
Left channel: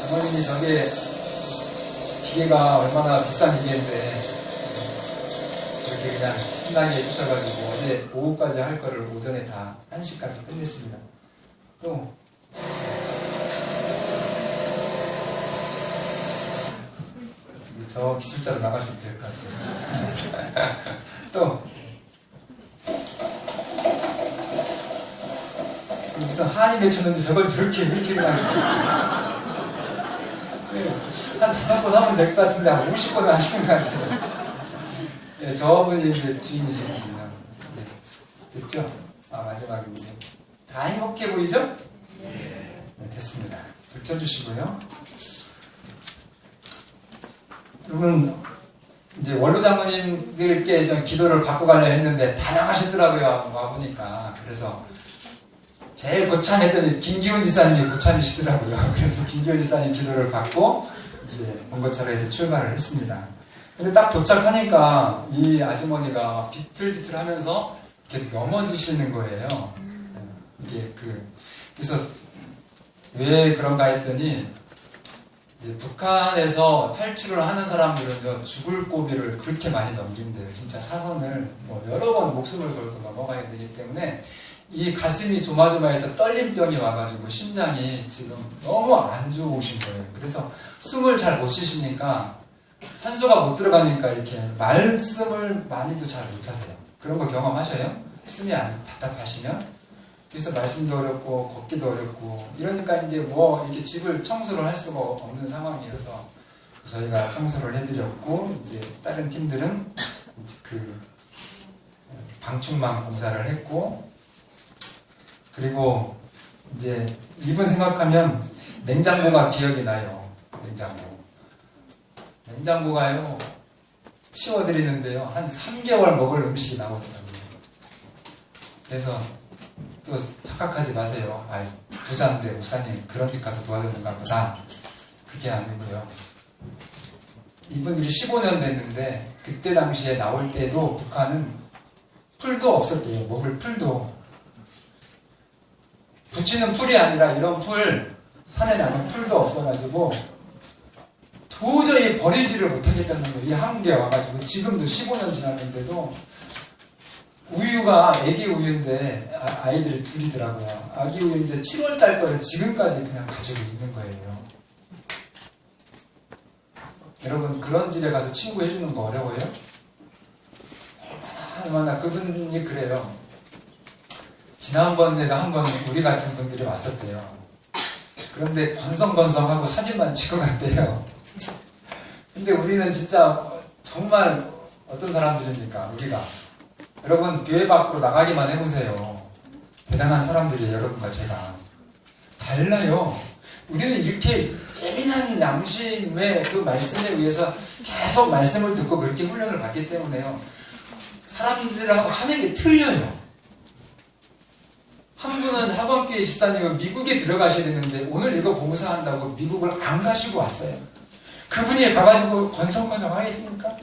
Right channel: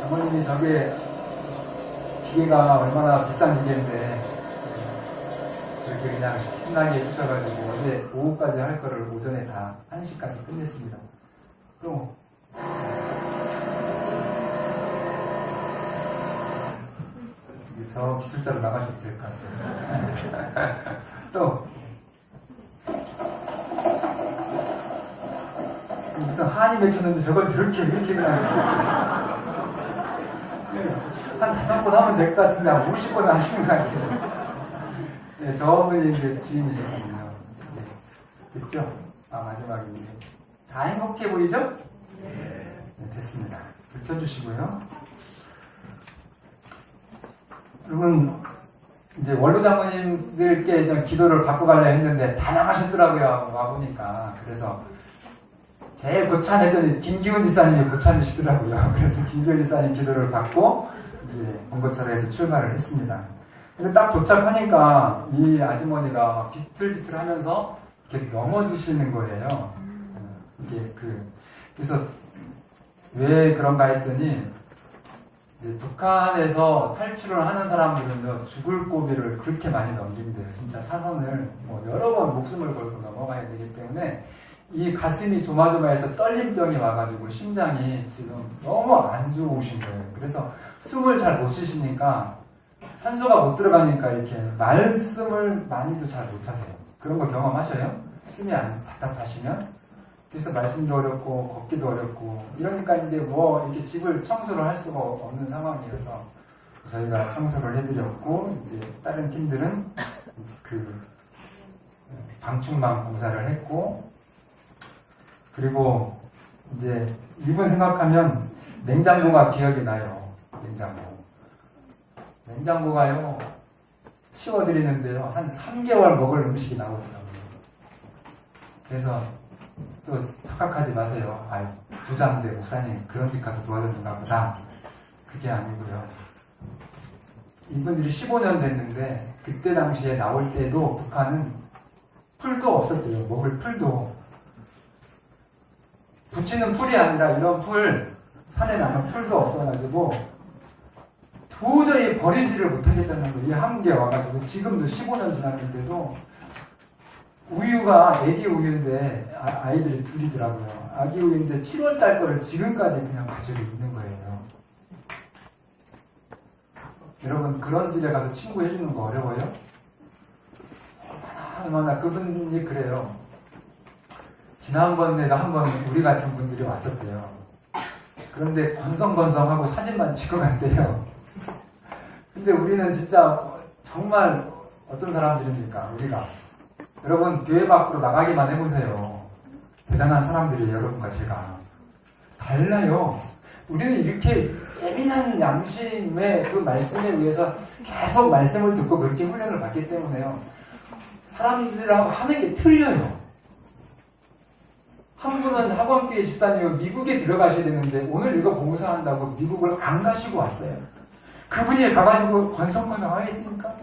장모님이 저게 기계가 얼마나 비싼 기계인데 이렇게 그냥 신나게 해주셔가지고 어제 오후까지 할 거를 오전에 다 1시까지 끝냈습니다. 또 저 기술자로 나가셔도 될 것 같아요. 또 무슨 한이 맺혔는데 저걸 저렇게 그렇게 그냥 한 5번 하면 될 것 같은데 한 50번 하시는 것 같아요. 네, 저분이 이제 주인이시거든요. 네, 됐죠? 마지막입니다. 다 행복해 보이죠? 네, 됐습니다. 불 켜주시고요. 여러분, 이제 원로 장모님들께 좀 기도를 받고 가려 했는데 다 나가셨더라고요. 와보니까. 그래서 제일 고참했더니 김기훈 지사님이 고참이시더라고요. 그래서 김기훈 지사님 기도를 받고 이제 본거처에서 출발을 했습니다. 근데 딱 도착하니까 이 아주머니가 비틀비틀하면서 이렇게 넘어지시는 거예요. 이게 그래서 왜 그런가 했더니 이제 북한에서 탈출을 하는 사람들은요 죽을 고비를 그렇게 많이 넘긴대요. 진짜 사선을 뭐 여러 번 목숨을 걸고 넘어가야 되기 때문에 이 가슴이 조마조마해서 떨림병이 와가지고 심장이 지금 너무 안 좋으신 거예요. 그래서 숨을 잘 못 쉬시니까 산소가 못 들어가니까 이렇게 말씀을 많이도 잘 못하세요. 그런 거 경험하셔요? 숨이 안 답답하시면? 그래서 말씀도 어렵고 걷기도 어렵고 이러니까 이제 뭐 이렇게 집을 청소를 할 수가 없는 상황이어서 저희가 청소를 해드렸고 이제 다른 팀들은 그 방충망 공사를 했고 그리고 이제 이분 생각하면 냉장고가 기억이 나요. 냉장고가요 치워드리는데요 한 3개월 먹을 음식이 나오더라고요. 그래서 또 착각하지 마세요. 부자인데 목사님 그런 집 가서 도와줬는가 보다. 그게 아니고요. 이분들이 15년 됐는데 그때 당시에 나올 때도 북한은 풀도 없었대요. 먹을 풀도. 붙이는 풀이 아니라 이런 풀, 산에 나는 풀도 없어가지고 도저히 버리지를 못하겠다는 거예요. 이 한국에 와가지고 지금도 15년 지났는데도 우유가 애기 우유인데 아이들이 둘이더라고요. 아기 우유인데 7월달 거를 지금까지 그냥 가지고 있는 거예요. 여러분 그런 집에 가서 친구 해주는 거 어려워요? 얼마나 그분이 그래요. 지난번에 한번 우리 같은 분들이 왔었대요. 그런데 건성건성하고 사진만 찍어 갔대요. 근데 우리는 진짜 정말 어떤 사람들입니까? 우리가 여러분 교회 밖으로 나가기만 해보세요. 대단한 사람들이에요. 여러분과 제가 달라요. 우리는 이렇게 예민한 양심의 그 말씀에 의해서 계속 말씀을 듣고 그렇게 훈련을 받기 때문에요. 사람들하고 하는 게 틀려요. 한 분은 학원교회 집사님은 미국에 들어가셔야 되는데 오늘 이거 봉사한다고 미국을 안 가시고 왔어요. 그분이 가가지고 건성건성 하겠습니까?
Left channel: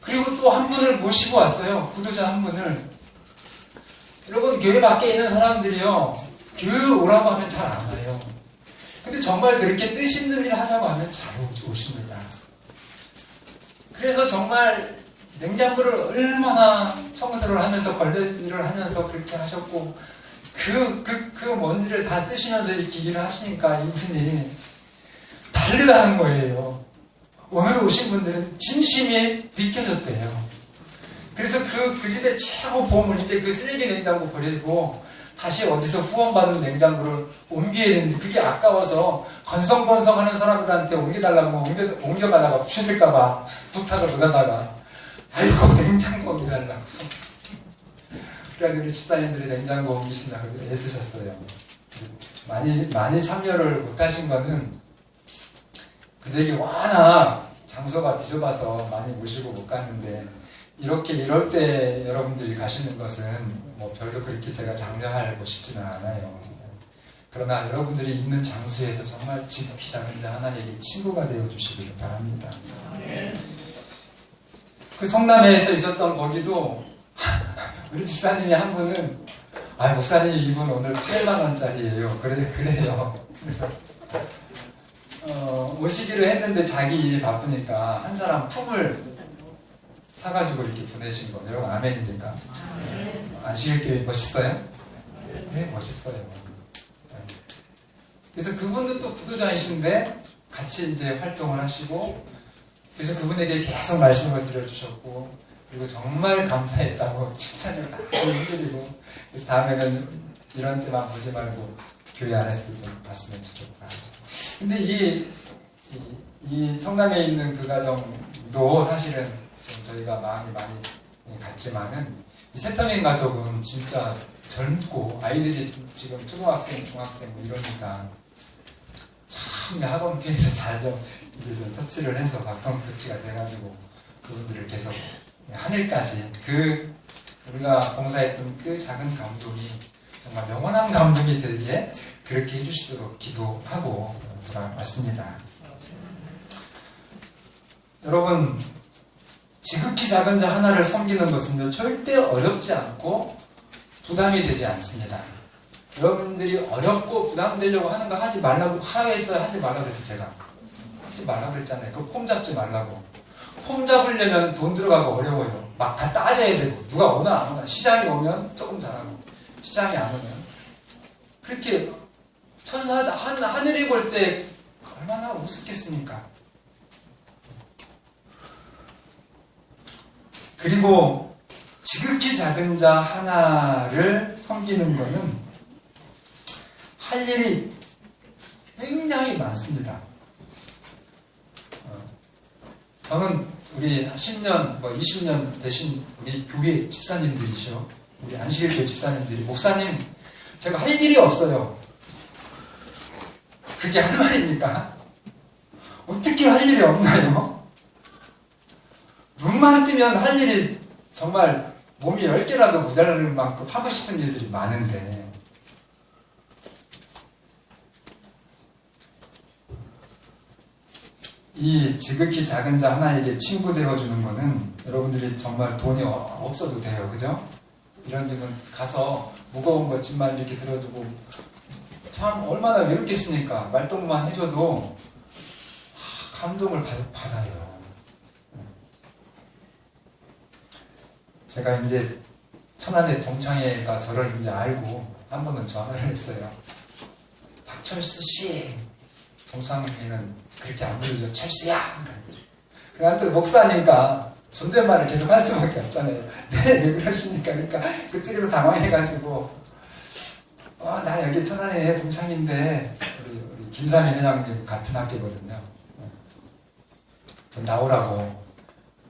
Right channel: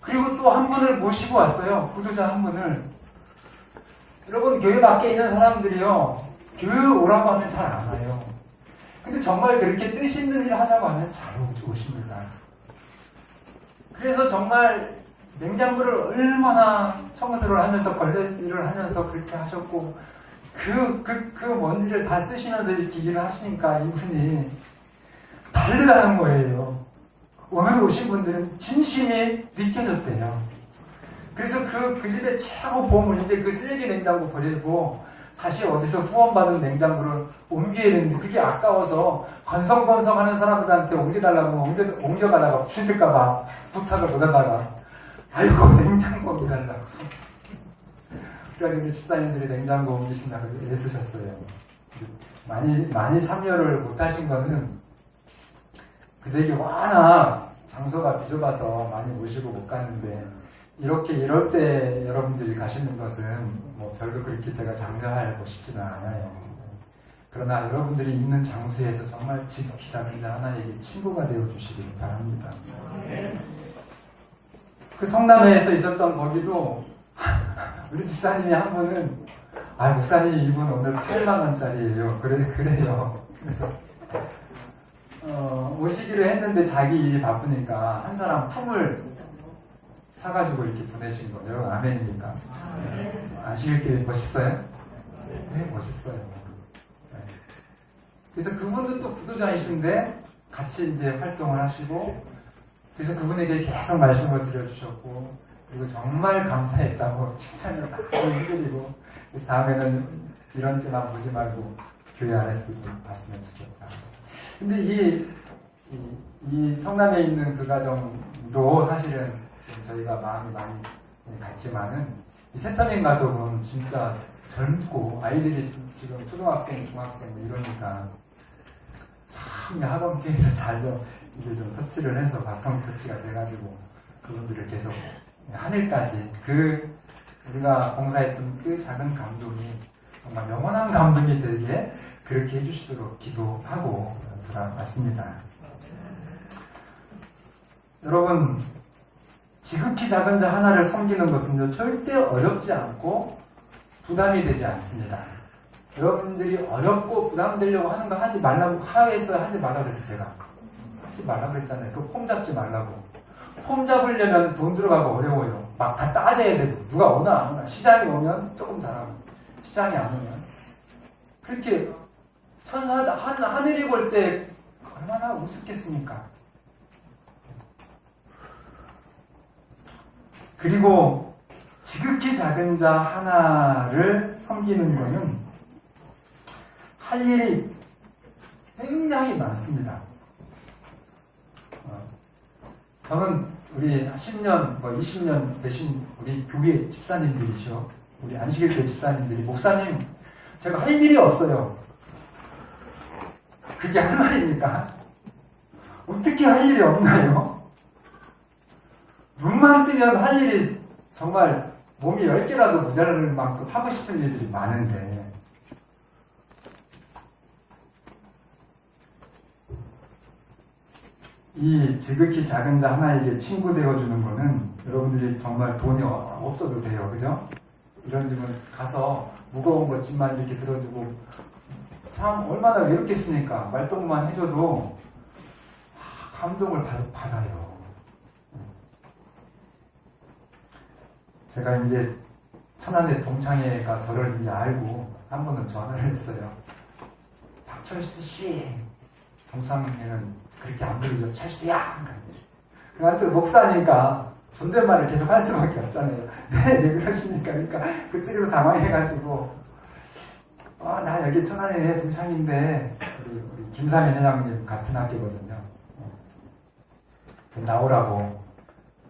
그리고 또 한 분을 모시고 왔어요. 구도자 한 분을. 여러분 교회 밖에 있는 사람들이요 교회 오라고 하면 잘 안 와요. 근데 정말 그렇게 뜻 있는 일 하자고 하면 잘 오십니다. 그래서 정말 냉장고를 얼마나 청소를 하면서 걸레질을 하면서 그렇게 하셨고 먼 일을 다 쓰시면서 이렇게 일을 하시니까 이분이 다르다는 거예요. 오늘 오신 분들은 진심이 느껴졌대요. 그래서 그 집에 최고 보물 이제 그 쓰레기 냉장고 버리고 다시 어디서 후원받은 냉장고를 옮겨야 되는데 그게 아까워서 건성건성하는 사람들한테 옮겨달라고 옮겨가다가 부셔질까봐 부탁을 못하다가 아이고 냉장고 옮겨달라고. 그래가지고 우리 집사님들이 냉장고 옮기신다고 애쓰셨어요. 많이 참여를 못하신 거는 그들이 워낙 장소가 비좁아서 많이 모시고 못 가는데 이럴 때 여러분들이 가시는 것은 뭐 별로 그렇게 제가 장려하고 싶지는 않아요. 그러나 여러분들이 있는 장소에서 정말 지극히 작은 자 하나님께 친구가 되어 주시기를 바랍니다. 그 성남에서 있었던 거기도 우리 집사님이 한 분은 목사님 이분 오늘 8만 원짜리예요. 그래요. 그래서 오시기로 했는데 자기 일이 바쁘니까 한 사람 품을 사가지고 이렇게 보내신 거. 여러분 아멘입니까? 안식일교회 멋있어요? 네, 멋있어요. 그래서 그분도 또 구도자이신데 같이 이제 활동을 하시고 그래서 그분에게 계속 말씀을 드려주셨고 그리고 정말 감사했다고 칭찬을 많이 해드리고 그래서 다음에는 이런 때만 보지 말고 교회 안에서 좀 봤으면 좋겠다. 근데 이 성남에 있는 그 가정도 사실은 좀 저희가 마음이 많이 같지만은 이 세터민 가족은 진짜 젊고 아이들이 지금 초등학생, 중학생 뭐 이러니까 참 학원 뒤에서 잘 좀 이제 좀 터치를 해서 바탕 터치가 돼가지고 그분들을 계속 하늘까지 우리가 봉사했던 그 작은 감동이 정말 영원한 감동이 되게 그렇게 해주시도록 기도하고 돌아왔습니다. 여러분 지극히 작은 자 하나를 섬기는 것은 절대 어렵지 않고 부담이 되지 않습니다. 여러분들이 어렵고 부담되려고 하는 거 하지 말라고 하라고 했어요? 하지 말라고 했어요? 제가 하지 말라고 했잖아요. 그 폼 잡지 말라고. 폼 잡으려면 돈 들어가고 어려워요. 막 다 따져야 되고 누가 오나 안 오나. 시장이 오면 조금 잘하고 시장이 안 오면 그렇게 하늘이 볼 때 얼마나 우습겠습니까? 그리고 지극히 작은 자 하나를 섬기는 것은 할 일이 굉장히 많습니다. 저는 우리 10년, 20년 되신 우리 교회 집사님들이죠. 우리 안식일교회 집사님들이 목사님 제가 할 일이 없어요. 그게 할 말입니까? 어떻게 할 일이 없나요? 눈만 뜨면 할 일이 정말 몸이 10개라도 모자랄 만큼 하고 싶은 일들이 많은데 이 지극히 작은 자 하나에게 친구 되어주는 거는 여러분들이 정말 돈이 없어도 돼요. 그죠? 이런 집은 가서 무거운 거 짐만 이렇게 들어주고 참 얼마나 외롭겠습니까? 말동무만 해줘도 감동을 받아요. 제가 이제 천안의 동창회가 저를 이제 알고 한 번은 전화를 했어요. 박철수 씨, 동창회는 그렇게 안 부르죠. 철수야. 그러니까 또 목사니까 존댓말을 계속 할 수밖에 없잖아요. 네, 왜 그러십니까? 그러니까 그쪽에서 당황해가지고 나 여기 천안의 동창인데 우리 김삼인 회장님 같은 학교거든요. 좀 나오라고.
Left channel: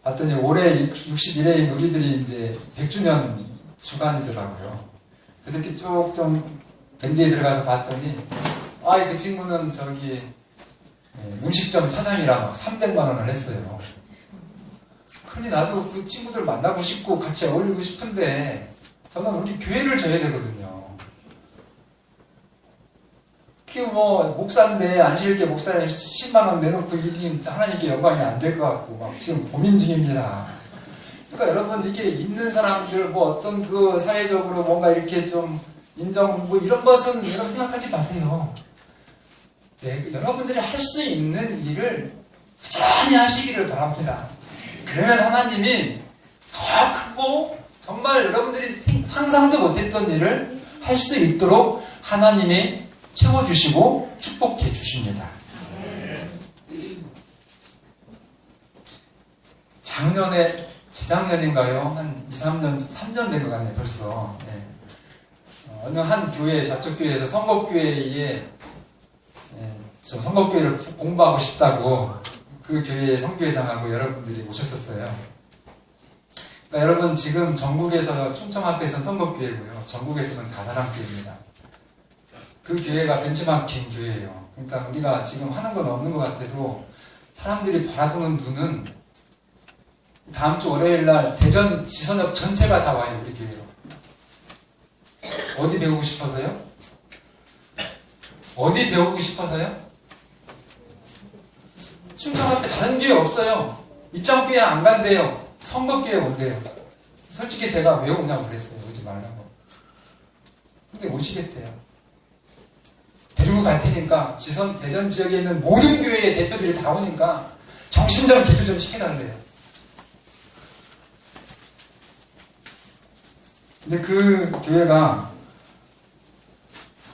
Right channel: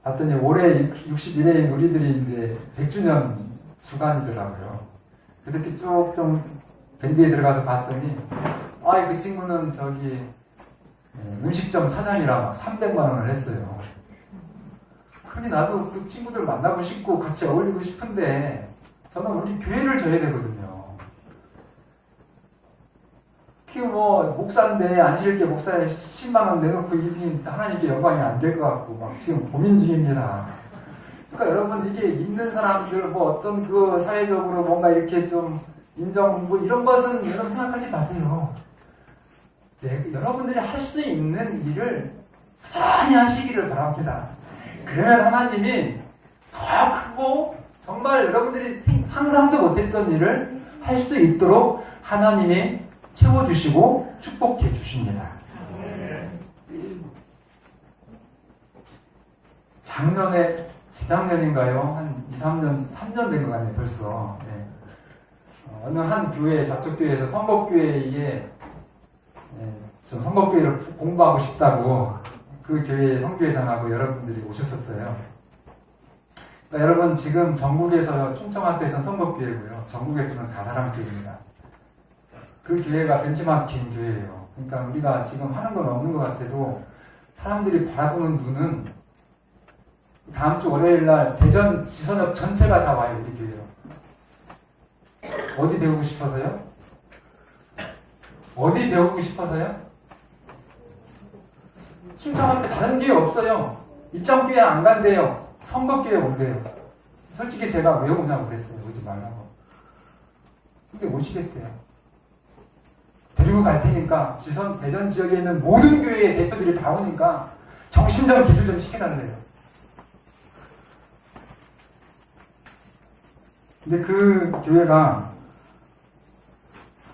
봤더니 올해 61회인 우리들이 이제 100주년 주간이더라고요. 그래서 이렇게 쭉 좀 밴드에 들어가서 봤더니 그 친구는 저기 음식점 사장이라 막 300만 원을 했어요. 그러니 나도 그 친구들 만나고 싶고 같이 어울리고 싶은데 저는 우리 교회를 져야 되거든요. 목사인데 안식일교회 목사에 10만 원 내놓고 일이 하나님께 영광이 안 될 것 같고 막 지금 고민 중입니다. 그러니까 여러분 이게 있는 사람들 어떤 그 사회적으로 뭔가 이렇게 좀 인정 이런 것은 여러분 생각하지 마세요. 네, 여러분들이 할 수 있는 일을 꾸준히 하시기를 바랍니다. 그러면 하나님이 더 크고 정말 여러분들이 상상도 못했던 일을 할 수 있도록 하나님이 채워주시고 축복해 주십니다. 작년에 재작년인가요? 한 2, 3년 된 것 같네요. 벌써. 네. 어느 한 교회, 저쪽 교회에서 선곡교회에 저 선곡교회를 공부하고 싶다고 그 교회의 선교회장하고 여러분들이 오셨었어요. 그러니까 여러분 지금 전국에서 충청 앞에서는 선곡교회고요. 전국에서는 다사랑교회입니다. 그 교회가 벤치마킹 교회예요. 그러니까 우리가 지금 하는 건 없는 것 같아도 사람들이 바라보는 눈은 다음 주 월요일 날 대전 지선업 전체가 다 와요. 우리 교회로. 어디 배우고 싶어서요? 어디 배우고 싶어서요? 충청 앞에 다른 교회 없어요. 입장교회 안 간대요. 선거교회 온대요. 솔직히 제가 왜 오냐고 그랬어요. 오지 말라고. 근데 오시겠대요. 데리고 갈 테니까 대전 지역에 있는 모든 교회의 대표들이 다 오니까 정신적 기도 좀 시켜달래요. 근데 그 교회가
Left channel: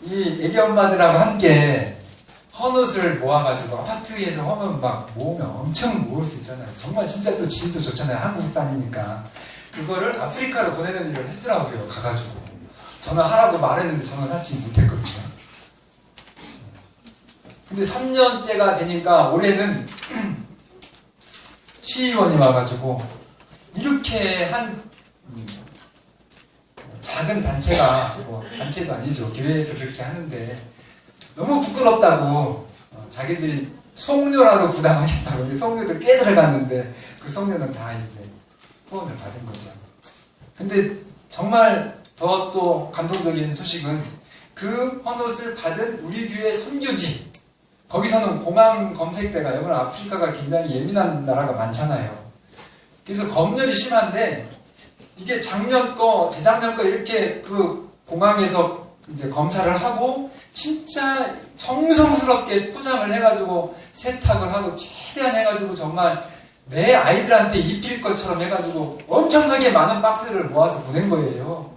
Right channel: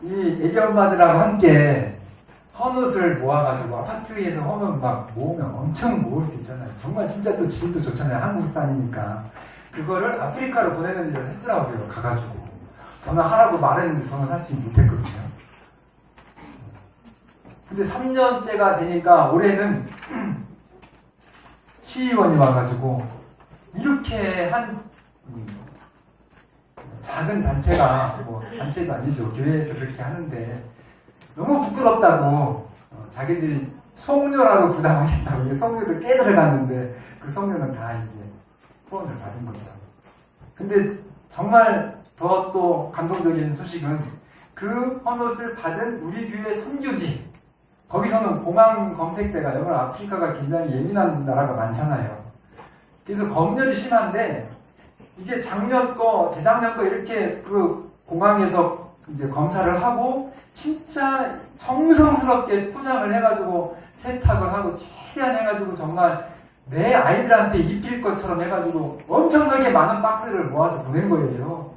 이 애기 엄마들하고 함께 헌옷을 모아가지고 아파트에서 헌옷 막 모으면 엄청 모을 수 있잖아요. 정말 진짜 또 질도 좋잖아요. 한국 땅이니까. 그거를 아프리카로 보내는 일을 했더라고요. 가가지고. 전화하라고 말했는데 전화 하지 못했거든요. 근데 3년째가 되니까 올해는 시의원이 와가지고 이렇게 한 작은 단체가 단체도 아니죠. 교회에서 그렇게 하는데 너무 부끄럽다고 자기들이 송료라도 부담하겠다고 송료도 꽤 들어갔는데 그 송료는 다 이제 후원을 받은 거죠. 근데 정말 더 또 감동적인 소식은 그 헌옷을 받은 우리 교회 선교지 거기서는 공항 검색대가 여러분 아프리카가 굉장히 예민한 나라가 많잖아요. 그래서 검열이 심한데 이게 작년 거, 재작년 거 이렇게 그 공항에서 이제 검사를 하고 진짜 정성스럽게 포장을 해가지고 세탁을 하고 최대한 해가지고 정말 내 아이들한테 입힐 것처럼 해가지고 엄청나게 많은 박스를 모아서 보낸 거예요.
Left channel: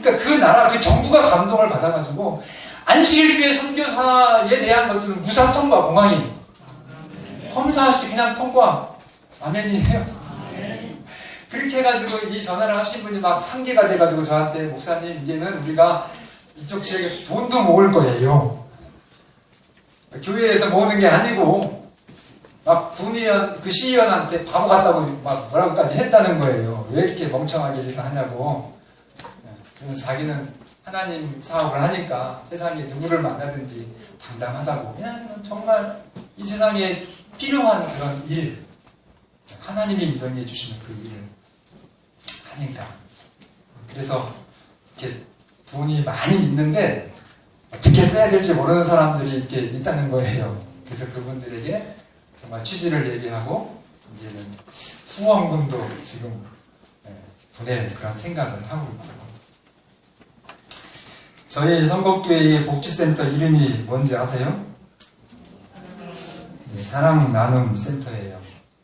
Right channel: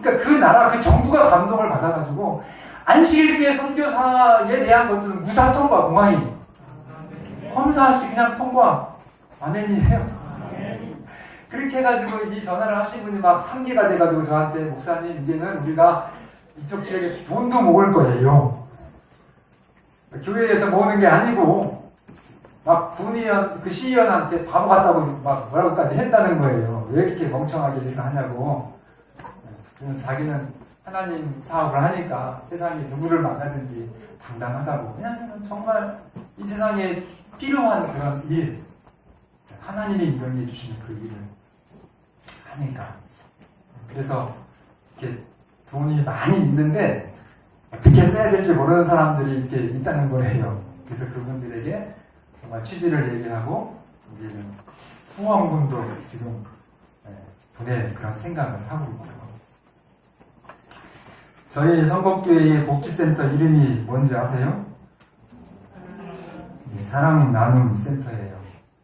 그러니까 그 나라, 그 정부가 감동을 받아가지고 안식일교회 선교사에 대한 것들은 무사 통과, 공항이 검사 없이 그냥 통과. 아멘이에요. 그렇게 해가지고 이 전화를 하신 분이 막 상기가 돼가지고 저한테 목사님 이제는 우리가 이쪽 지역에 돈도 모을 거예요. 교회에서 모으는 게 아니고 막 군의원, 그 시의원한테 바보 같다고 막 뭐라고까지 했다는 거예요. 왜 이렇게 멍청하게 일을 하냐고. 그래서 자기는 하나님 사업을 하니까 세상에 누구를 만나든지 당당하다고. 그냥 정말 이 세상에 필요한 그런 일, 하나님이 인정해 주시는 그 일을 하니까. 그래서 이렇게 돈이 많이 있는데 어떻게 써야 될지 모르는 사람들이 이렇게 있다는 거예요. 그래서 그분들에게 정말 취지를 얘기하고 이제는 후원금도 지금 보낼 그런 생각을 하고 있고. 저희 선곡교회의 복지센터 이름이 뭔지 아세요? 사랑 나눔 센터예요.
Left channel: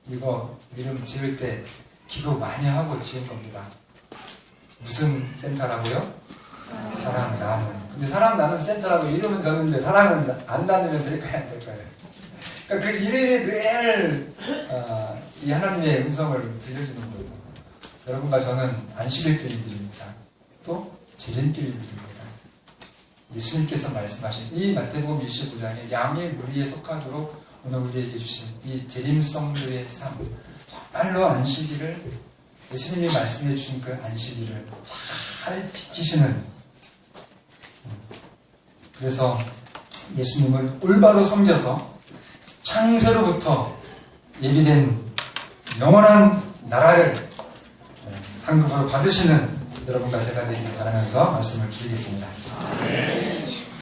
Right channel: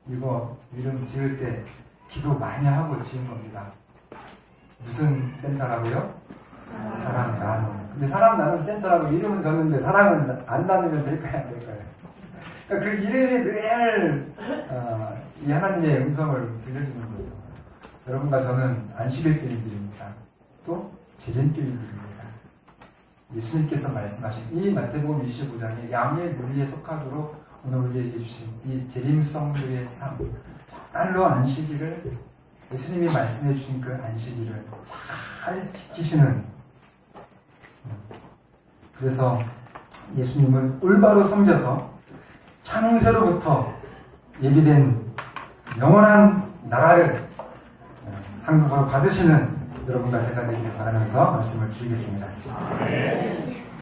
이거 이름 지을 때 기도 많이 하고 지은 겁니다. 무슨 센터라고요? 사랑 나눔. 근데 사랑 나눔 센터라고 이름은 졌는데 사랑을 안 나누면 될까요? 안 될까요? 그러니까 그 이름이 늘 이 하나님의 음성을 들려주는 거예요. 여러분과 저는 안식일 교인들입니다. 또 재림교인들입니다. 예수님께서 말씀하신 이 마태복음 25장의 양의 무리에 속하도록 오늘 우리에게 주신 이 재림성도의 삶, 정말로 안식일을 예수님이 말씀해 주신 그 안식일을 잘 지키시는, 그래서 예수님을 올바로 섬겨서 창세로부터 예비된 영원한 나라를 상급으로 받으시는 여러분과 제가 되기를 바라면서 말씀을 드리겠습니다.